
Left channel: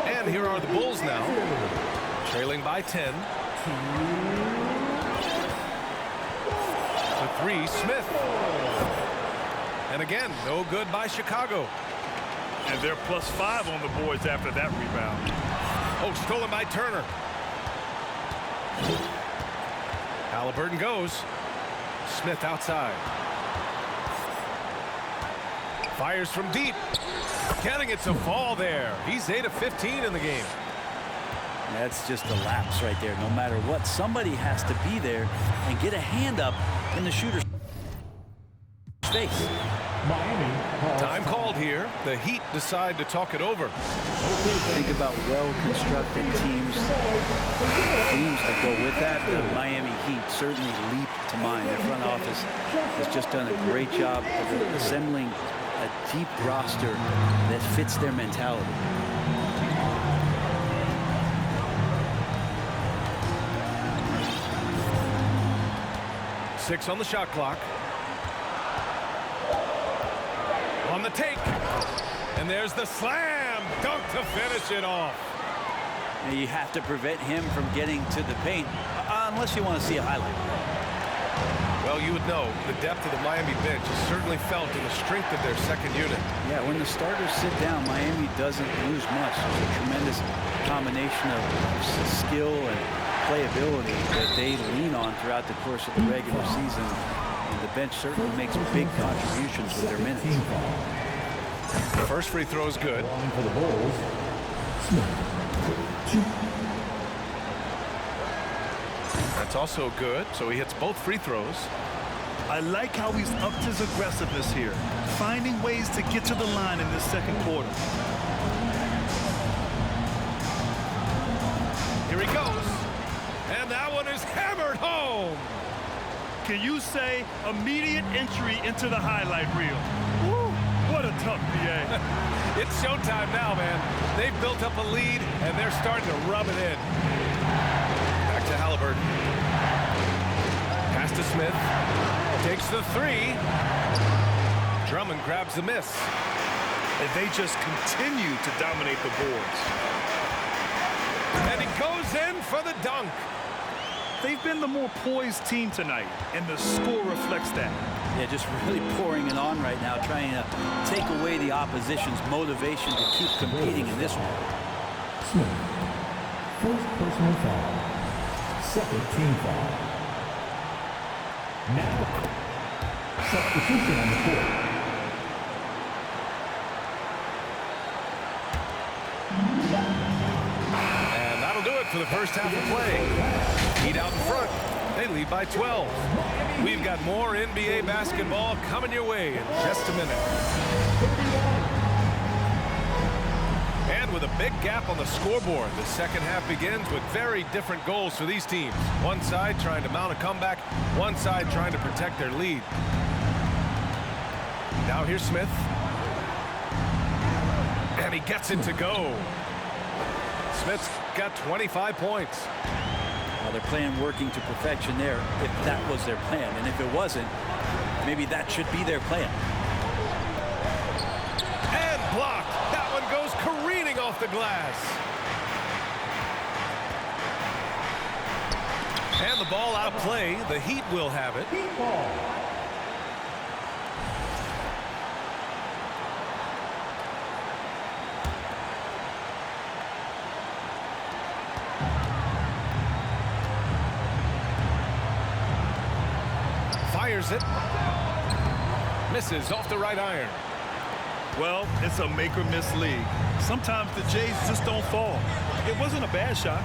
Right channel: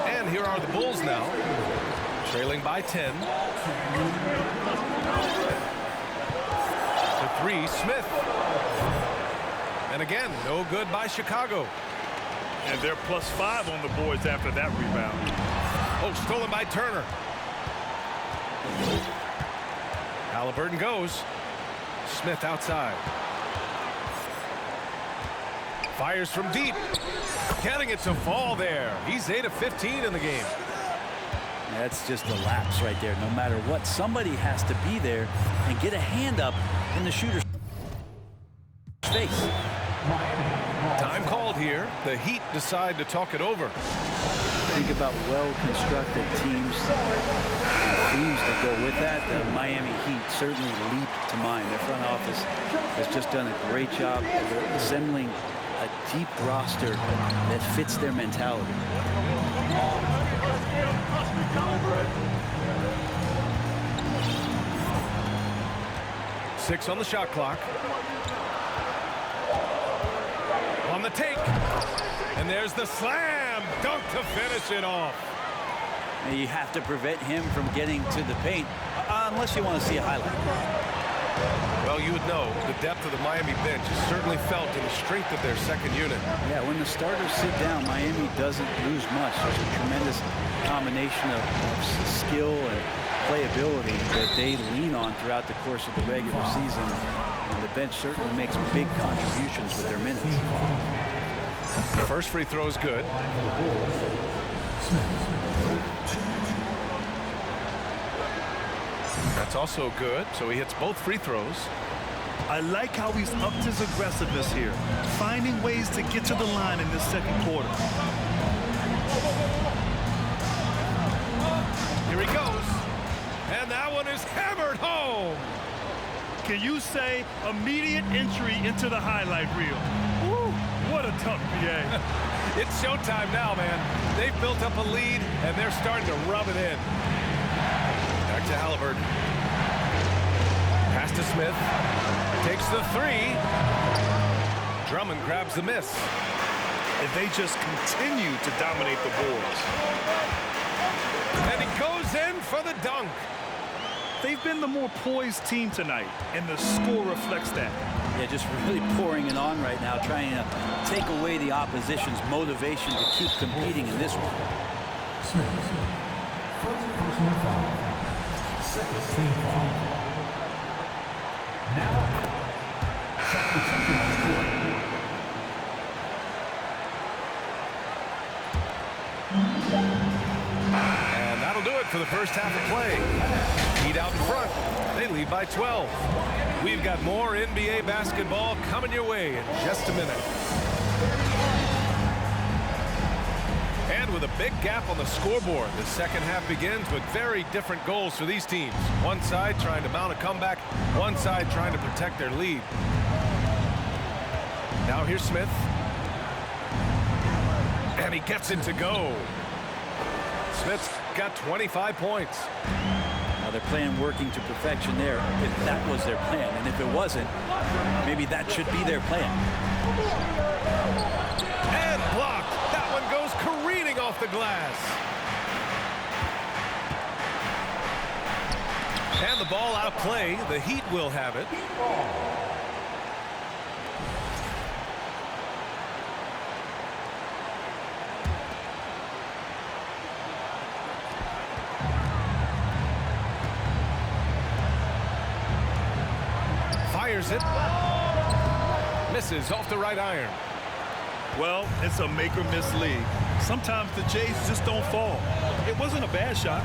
And here are the Bulls now, trailing by 10. The three, Smith. And again, no good by Chicago. And they're +5 on the boards after that rebound. Oh, stolen by Turner. Halliburton goes. Smith outside. Fires from deep. Getting it to fall there. He's 8 of 15 in the game. That's just a lapse right there. No matter what, somebody has to be there and get a hand up in the shooter's face. Time called here. The Heat decide to talk it over. Think about well-constructed teams, themes that go with that. The Miami Heat certainly leap to mind. Their front office has just done a great job of assembling a deep roster that fits their mentality. Six on the shot clock. On the take. And there's the slam dunk to finish it off. And you have to prevent him from getting to the paint unless you want to see a highlight. Well, you would know the depth of the Miami bench is certainly felt in the strength of their second unit. Yeah, when the starters sit down, Miami doesn't lose much. There's a tremendous combination of skill and playability that they lean on throughout the course of the regular season. And the bench certainly makes big contributions with their minutes. The first free throw is good. That's also good, so he hits both free throws. I like how he's upped his aggressiveness here, finding ways to get to the line in this second quarter. Here he goes, and that one is hammered home. Can you say immediate entry into the highlight reel? Woo, what a tough BA. It's showtime now, man. They've built up a lead, and they're starting to rub it in. Back to Halliburton. Pass to Smith. Takes the three. Drummond grabs the miss. And they just continue to dominate the boards. And he goes in for the dunk. They've been the more poised team tonight, and the score reflects that. Yeah, just really pouring it on right now, trying to take away the opposition's motivation to keep competing in this one. Smith, first personal foul, second team foul. Now, substitution on the court. And that'll do it for the first half of play. Heat out in front. They lead by 12. We've got more NBA basketball coming your way in just a minute. And with a big gap on the scoreboard, the second half begins with very different goals for these teams. One side trying to mount a comeback, one side trying to protect their lead. Now here's Smith. And he gets it to go. Smith's got 25 points. Well, they're playing working to perfection there, if that was their plan. And if it wasn't, maybe that should be their plan. And blocked. That one goes careening off the glass. And the ball out of play. The Heat will have it. Fires it. Misses off the right iron. Well, it's a make or miss league. Sometimes the Jays just don't fall. It wasn't a bad shot.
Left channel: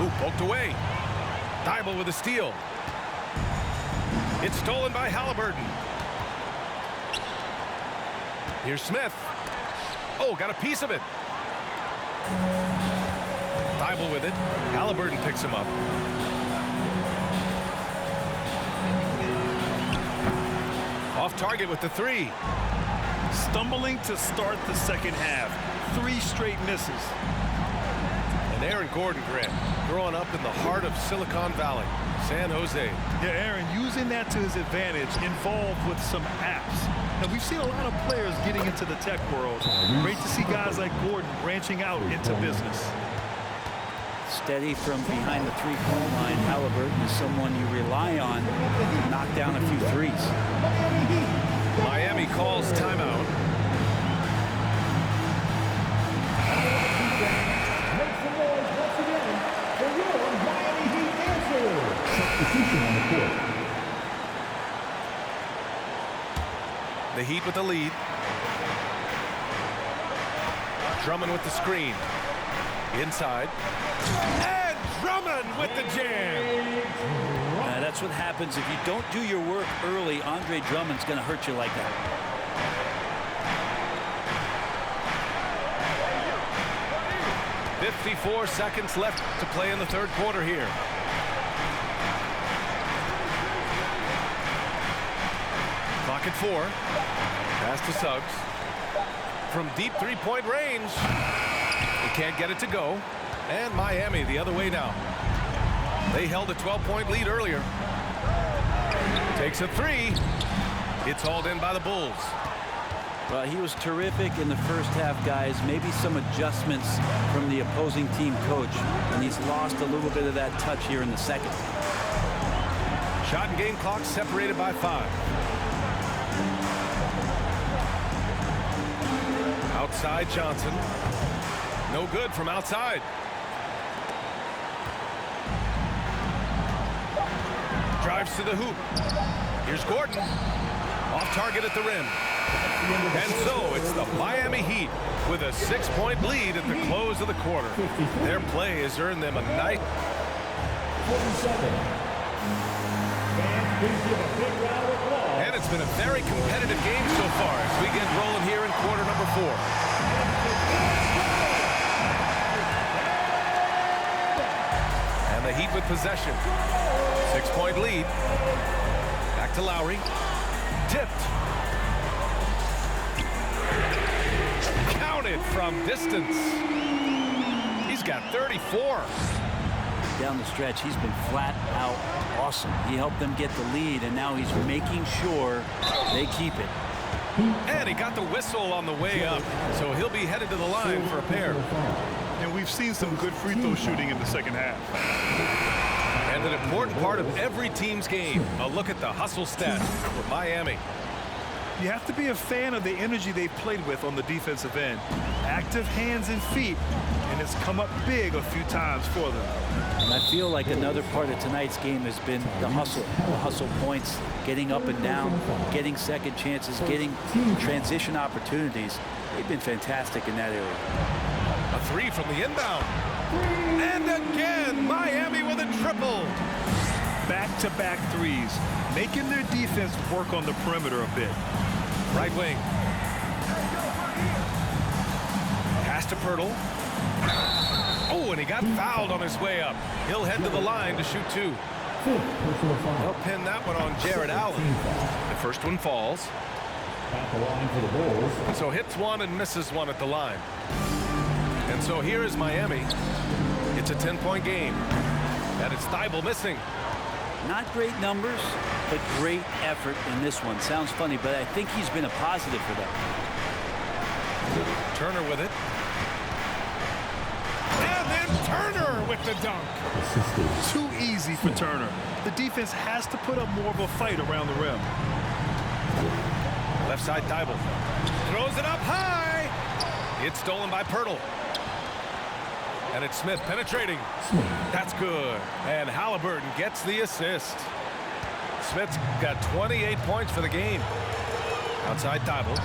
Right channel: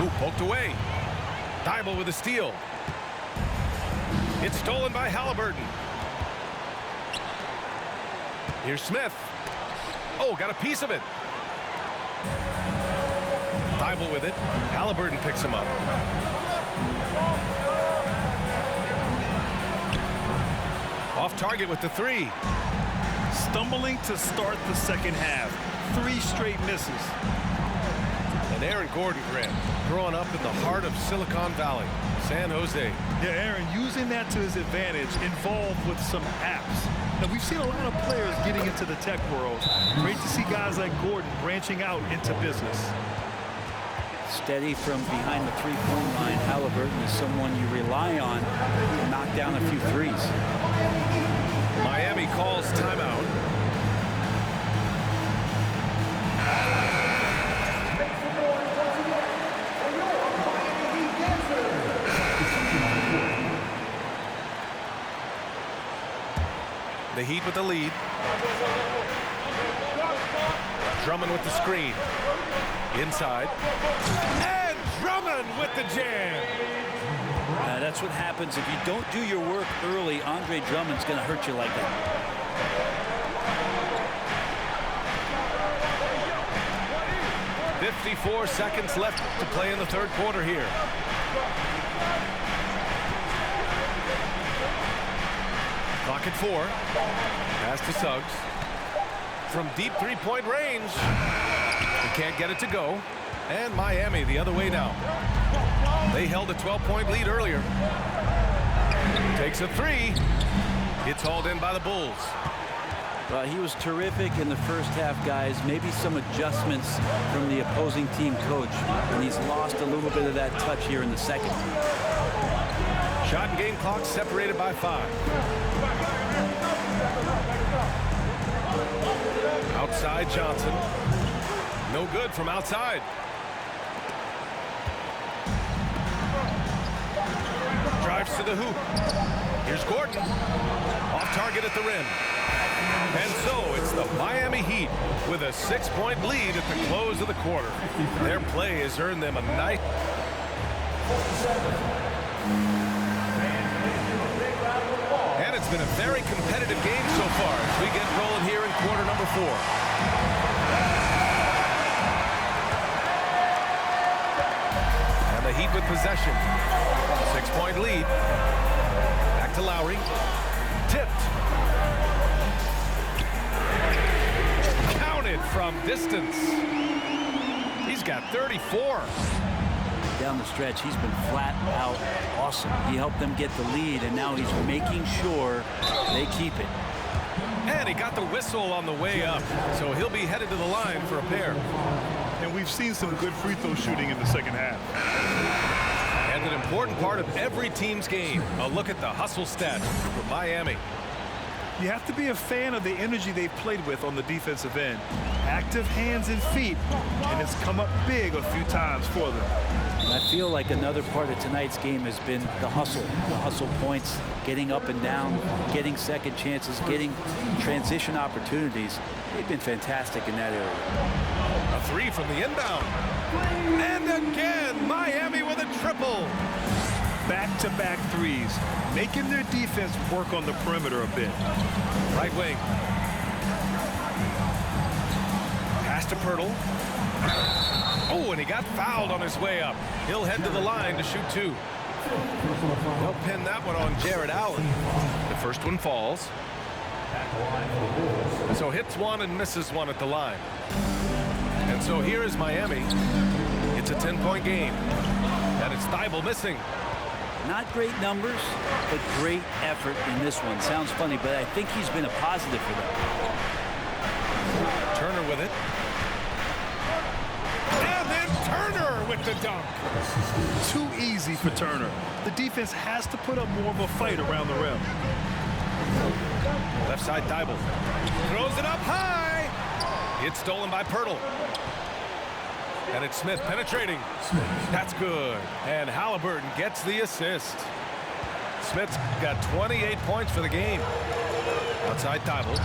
Ooh, poked away. Thibault with a steal. It's stolen by Halliburton. Here's Smith. Oh, got a piece of it. Thibault with it. Halliburton picks him up. Off target with the three. Stumbling to start the second half. 3 straight misses. And Aaron Gordon, Grant, growing up in the heart of Silicon Valley, San Jose. Yeah, Aaron, using that to his advantage, involved with some apps. Now, we've seen a lot of players getting into the tech world. Great to see guys like Gordon branching out into business. Steady from behind the three-point line. Halliburton is someone you rely on to knock down a few threes. Miami calls timeout. Make some noise once again for your Miami Heat dancer. Substitution on the court. The Heat with the lead. Drummond with the screen. Inside. And Drummond with the jam. That's what happens if you don't do your work early. Andre Drummond's going to hurt you like that. .54 seconds left to play in the third quarter here. Clock at 4. Pass to Suggs. From deep three-point range. He can't get it to go. And Miami the other way now. They held a 12-point lead earlier. Takes a 3. It's hauled in by the Bulls. Well, he was terrific in the first half, guys. Maybe some adjustments from the opposing team coach, and he's lost a little bit of that touch here in the second. Shot and game clock separated by 5. Outside Johnson. No good from outside. Drives to the hoop. Here's Gordon. Off target at the rim. And so it's the Miami Heat with a 6-point lead at the close of the quarter. Their play has earned them a nice. And it's been a very competitive game so far as we get rolling here in quarter number 4. And the Heat with possession. 6-point lead. Back to Lowry. Tipped. Counted from distance. He's got 34. Down the stretch, he's been flat out awesome. He helped them get the lead, and now he's making sure they keep it. And he got the whistle on the way up, so he'll be headed to the line for a pair. And we've seen some good free throw shooting in the second half. And an important part of every team's game, a look at the hustle stats for Miami. You have to be a fan of the energy they've played with on the defensive end. Active hands and feet, and it's come up big a few times for them. And I feel like another part of tonight's game has been the hustle points, getting up and down, getting second chances, getting transition opportunities. They've been fantastic in that area. A 3 from the inbound. And again, Miami with a triple. Back-to-back threes, making their defense work on the perimeter a bit. Right wing. Pass to Pirtle. Oh, and he got fouled on his way up. He'll head to the line to shoot 2. They'll pin that one on Jared Allen. The first one falls. So hits 1 and misses 1 at the line. And so here is Miami. It's a 10-point game. And it's Thibault missing. Not great numbers, but great effort in this one. Sounds funny, but I think he's been a positive for them. Turner with it. And then Turner with the dunk. Too easy for Turner. The defense has to put up more of a fight around the rim. Left side, Thibault. Throws it up high. It's stolen by Pirtle. And it's Smith penetrating. That's good. And Halliburton gets the assist. Smith's got 28 points for the game. Outside Thibault.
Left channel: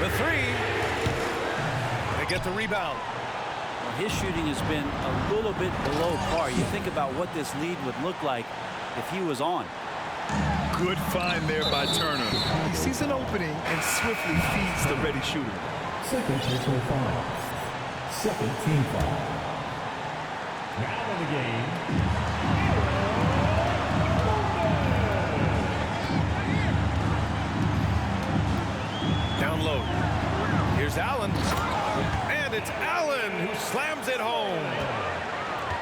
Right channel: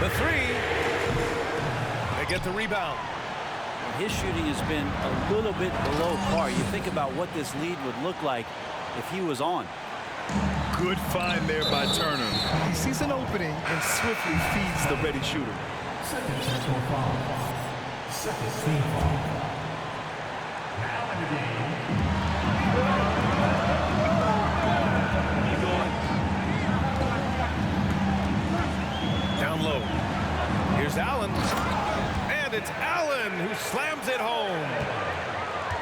The three. They get the rebound. Well, his shooting has been a little bit below par. You think about what this lead would look like if he was on. Good find there by Turner. He sees an opening and swiftly feeds the ready shooter. Second personal foul. Second team foul. Now in the game. Down low. Here's Allen. And it's Allen who slams it home.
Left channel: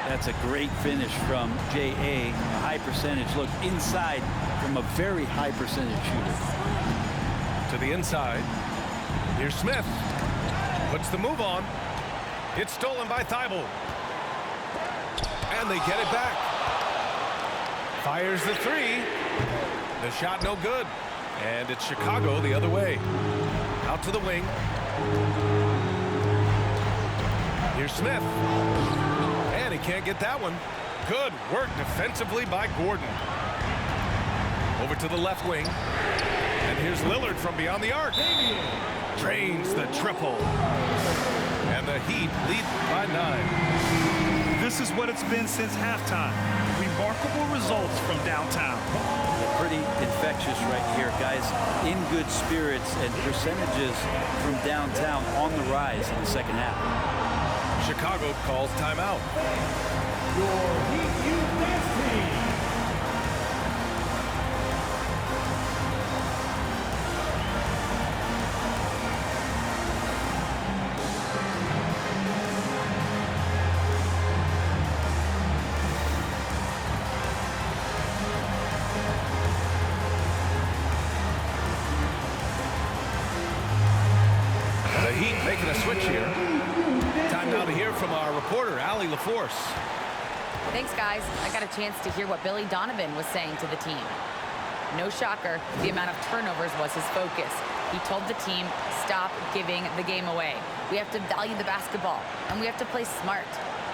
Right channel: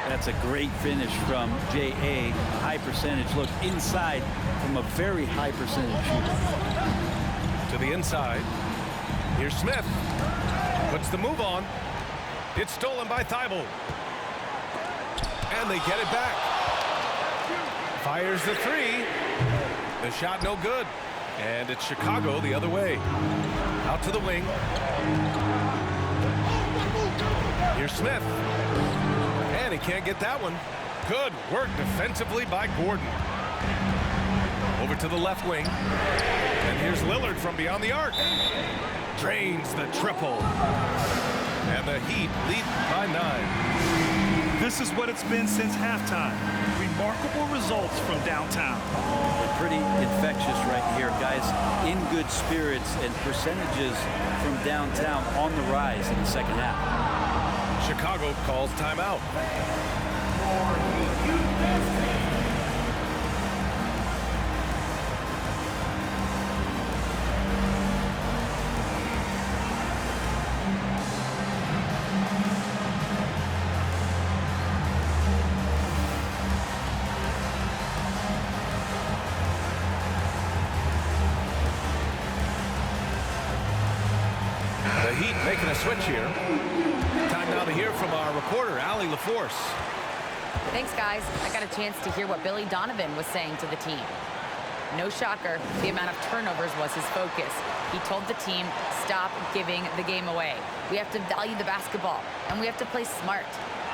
That's a great finish from J.A. A high percentage look inside from a very high percentage shooter. To the inside. Here's Smith. Puts the move on. It's stolen by Thibault. And they get it back. Fires the three. The shot no good. And it's Chicago the other way. Out to the wing. Here's Smith. And he can't get that one. Good work defensively by Gordon. Over to the left wing. And here's Lillard from beyond the arc. Drains the triple. And the Heat lead by 9. This is what it's been since halftime. Remarkable results from downtown. They're pretty infectious right here. Guys in good spirits and percentages from downtown on the rise in the second half. Chicago calls timeout. Your Heat Youth Dance Team. The Heat making a switch here. Time now to hear from our reporter, Allie LaForce. Thanks, guys. I got a chance to hear what Billy Donovan was saying to the team. No shocker, the amount of turnovers was his focus. He told the team, stop giving the game away. We have to value the basketball, and we have to play smart.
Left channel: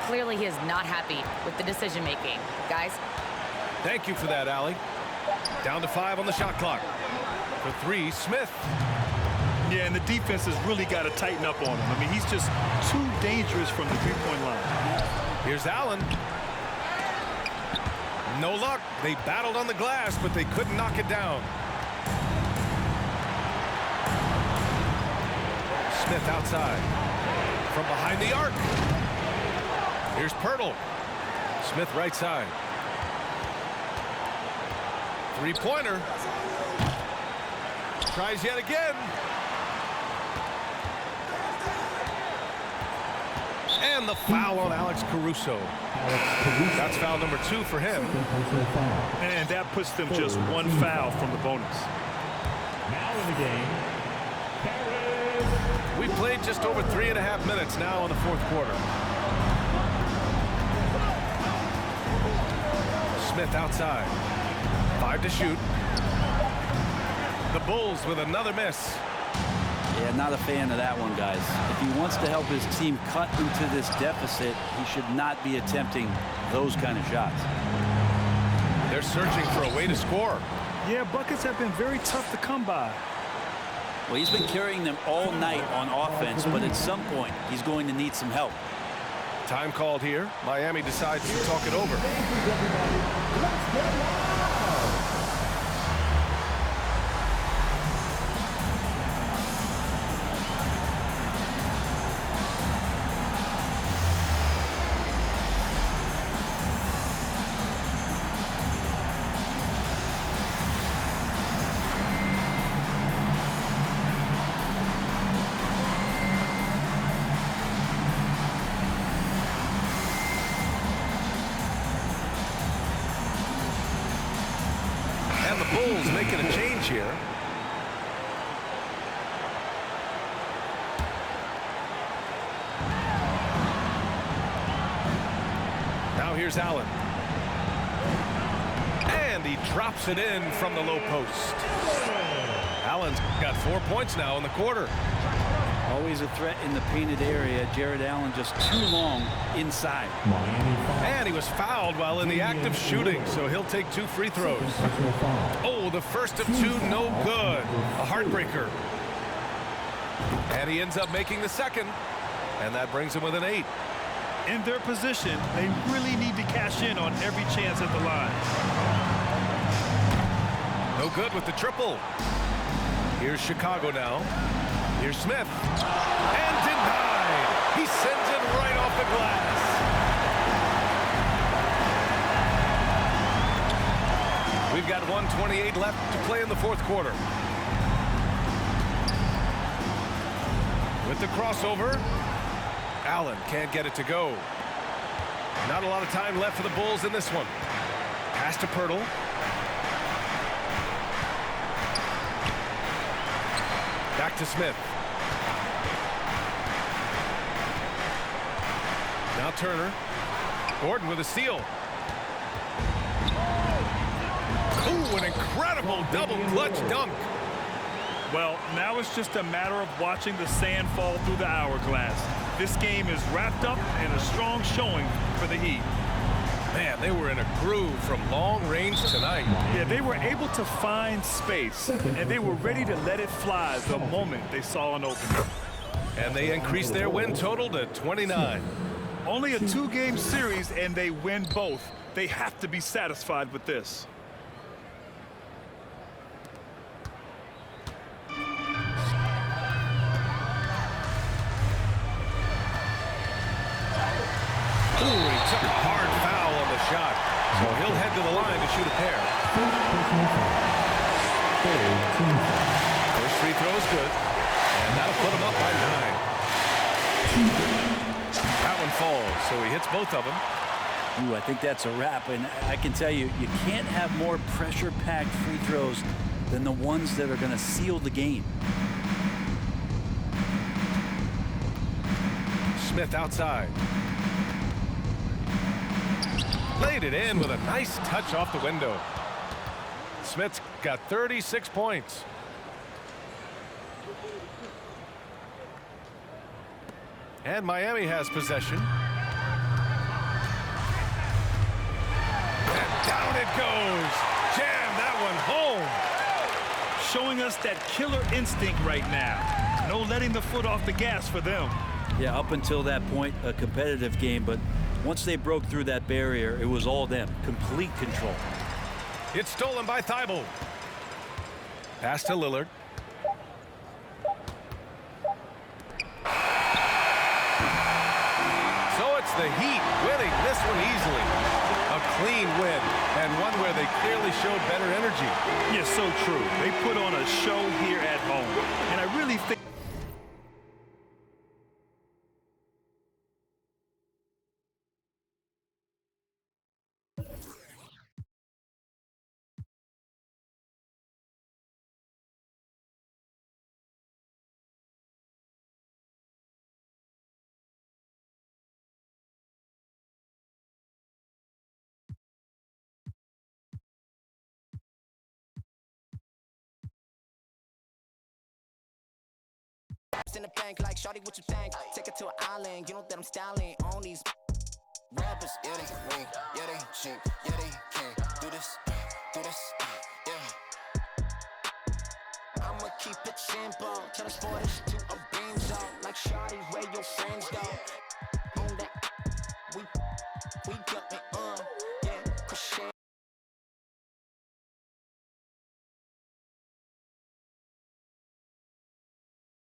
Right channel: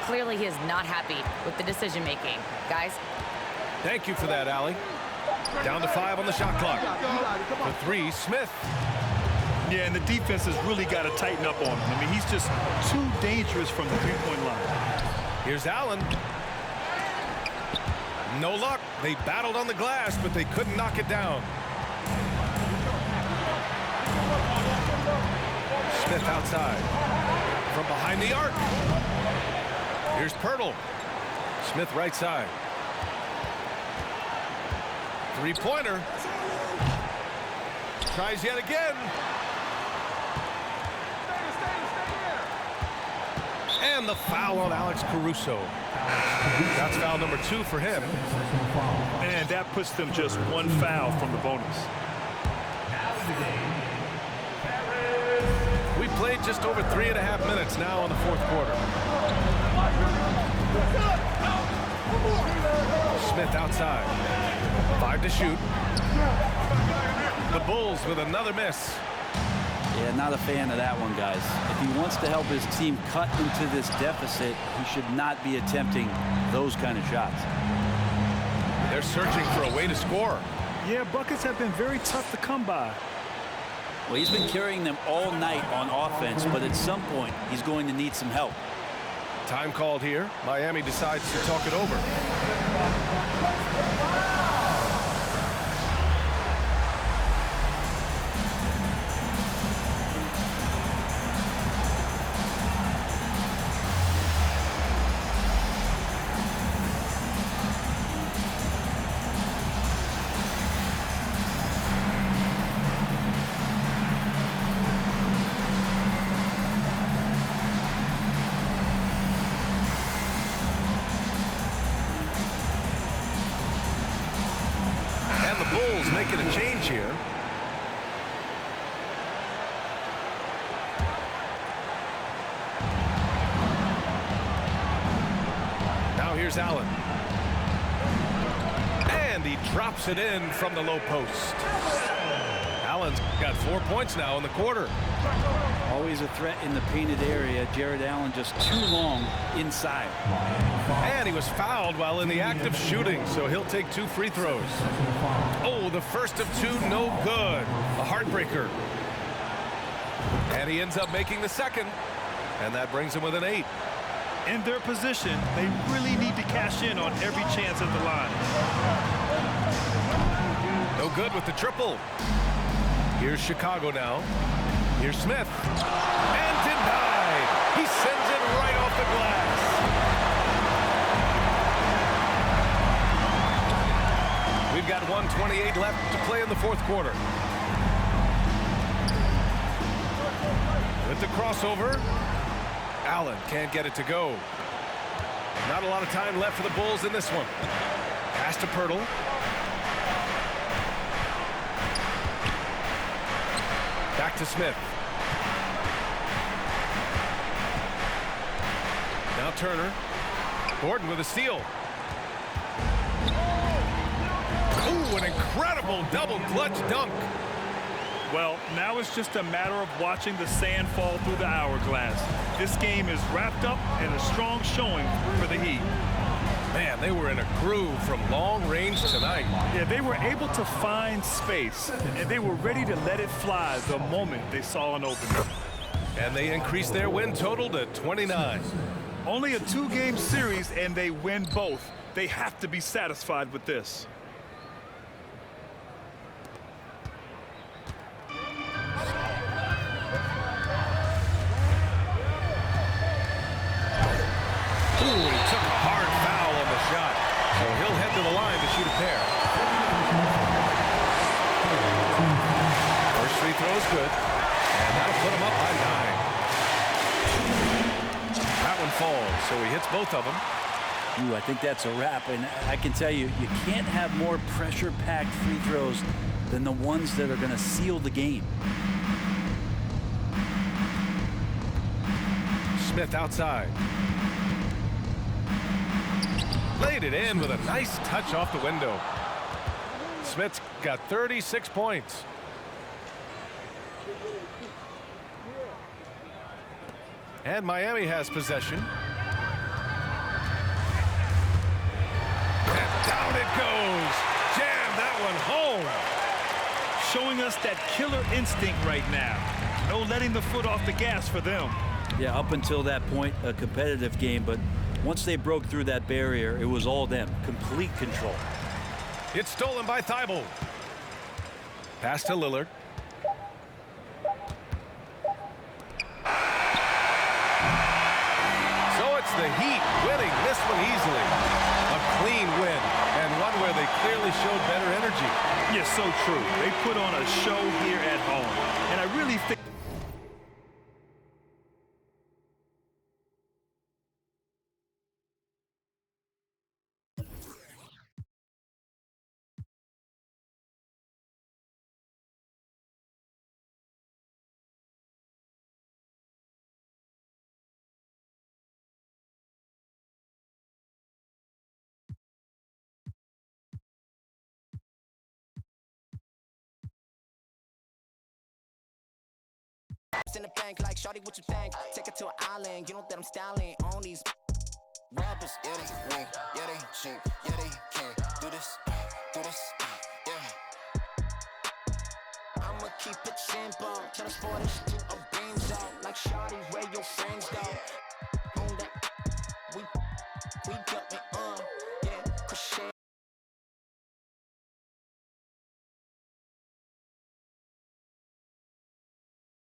Clearly, he is not happy with the decision-making. Guys? Thank you for that, Allie. Down to 5 on the shot clock. For 3, Smith. Yeah, and the defense has really got to tighten up on him. I mean, he's just too dangerous from the three-point line. Here's Allen. No luck. They battled on the glass, but they couldn't knock it down. Smith outside. From behind the arc. Here's Pirtle. Smith right side. Three-pointer. Tries yet again. And the foul on Alex Caruso. That's foul number 2 for him. And that puts them just 1 foul from the bonus. Now in the game. We played just over 3.5 minutes now in the 4th quarter. Smith outside. 5 to shoot. The Bulls with another miss. Yeah, not a fan of that one, guys. If he wants to help his team cut into this deficit, he should not be attempting those kind of shots. They're searching for a way to score. Yeah, buckets have been very tough to come by. Well, he's been carrying them all night on offense, but at some point, he's going to need some help. Time called here. Miami decides to talk it over. And the Bulls making a change here. Now here's Allen. And he drops it in from the low post. Allen's got 4 points now in the quarter. Always a threat in the painted area. Jared Allen just too long inside. And he was fouled while in the act of shooting, so he'll take 2 free throws. Oh, the first of 2, no good. A heartbreaker. And he ends up making the second, and that brings him with an 8. In their position, they really need to cash in on every chance at the line. No good with the triple. Here's Chicago now. Here's Smith. And denied. He sends it right off the glass. We've got 1:28 left to play in the fourth quarter. With the crossover, Allen can't get it to go. Not a lot of time left for the Bulls in this one. Pass to Pirtle. Back to Smith. Now Turner. Gordon with a steal. Ooh, an incredible double clutch dunk. Well, now it's just a matter of watching the sand fall through the hourglass. This game is wrapped up and a strong showing for the Heat. Man, they were in a groove from long range tonight. Yeah, they were able to find space, and they were ready to let it fly the moment they saw an opening. And they increased their win total to 29. Only a 2-game series, and they win both. They have to be satisfied with this. Ooh, he took a hard foul on the shot. So he'll head to the line to shoot a pair. First free throw is good. And that'll put him up by 9. That one falls, so he hits both of them. Ooh, I think that's a wrap. And I can tell you, you can't have more pressure-packed free throws than the ones that are going to seal the game. Smith outside. Laid it in with a nice touch off the window. Smith's got 36 points. And Miami has possession. And down it goes. Jam that one home. Showing us that killer instinct right now. No letting the foot off the gas for them. Yeah, up until that point, a competitive game, but once they broke through that barrier, it was all them. Complete control. It's stolen by Thibault. Pass to Lillard. So it's the Heat winning this one easily. A clean win, and one where they clearly showed better energy. Yes, so true. They put on a show here at home, and I really think in the bank like shawty, what you think? Take it to an island, you know that I'm styling on these rappers. Yeah, they ring, yeah, they cheap, yeah, they can't do this, yeah. I'ma keep it simple, transport us to a beam zone. Like shawty, where your friends go? On that, we got me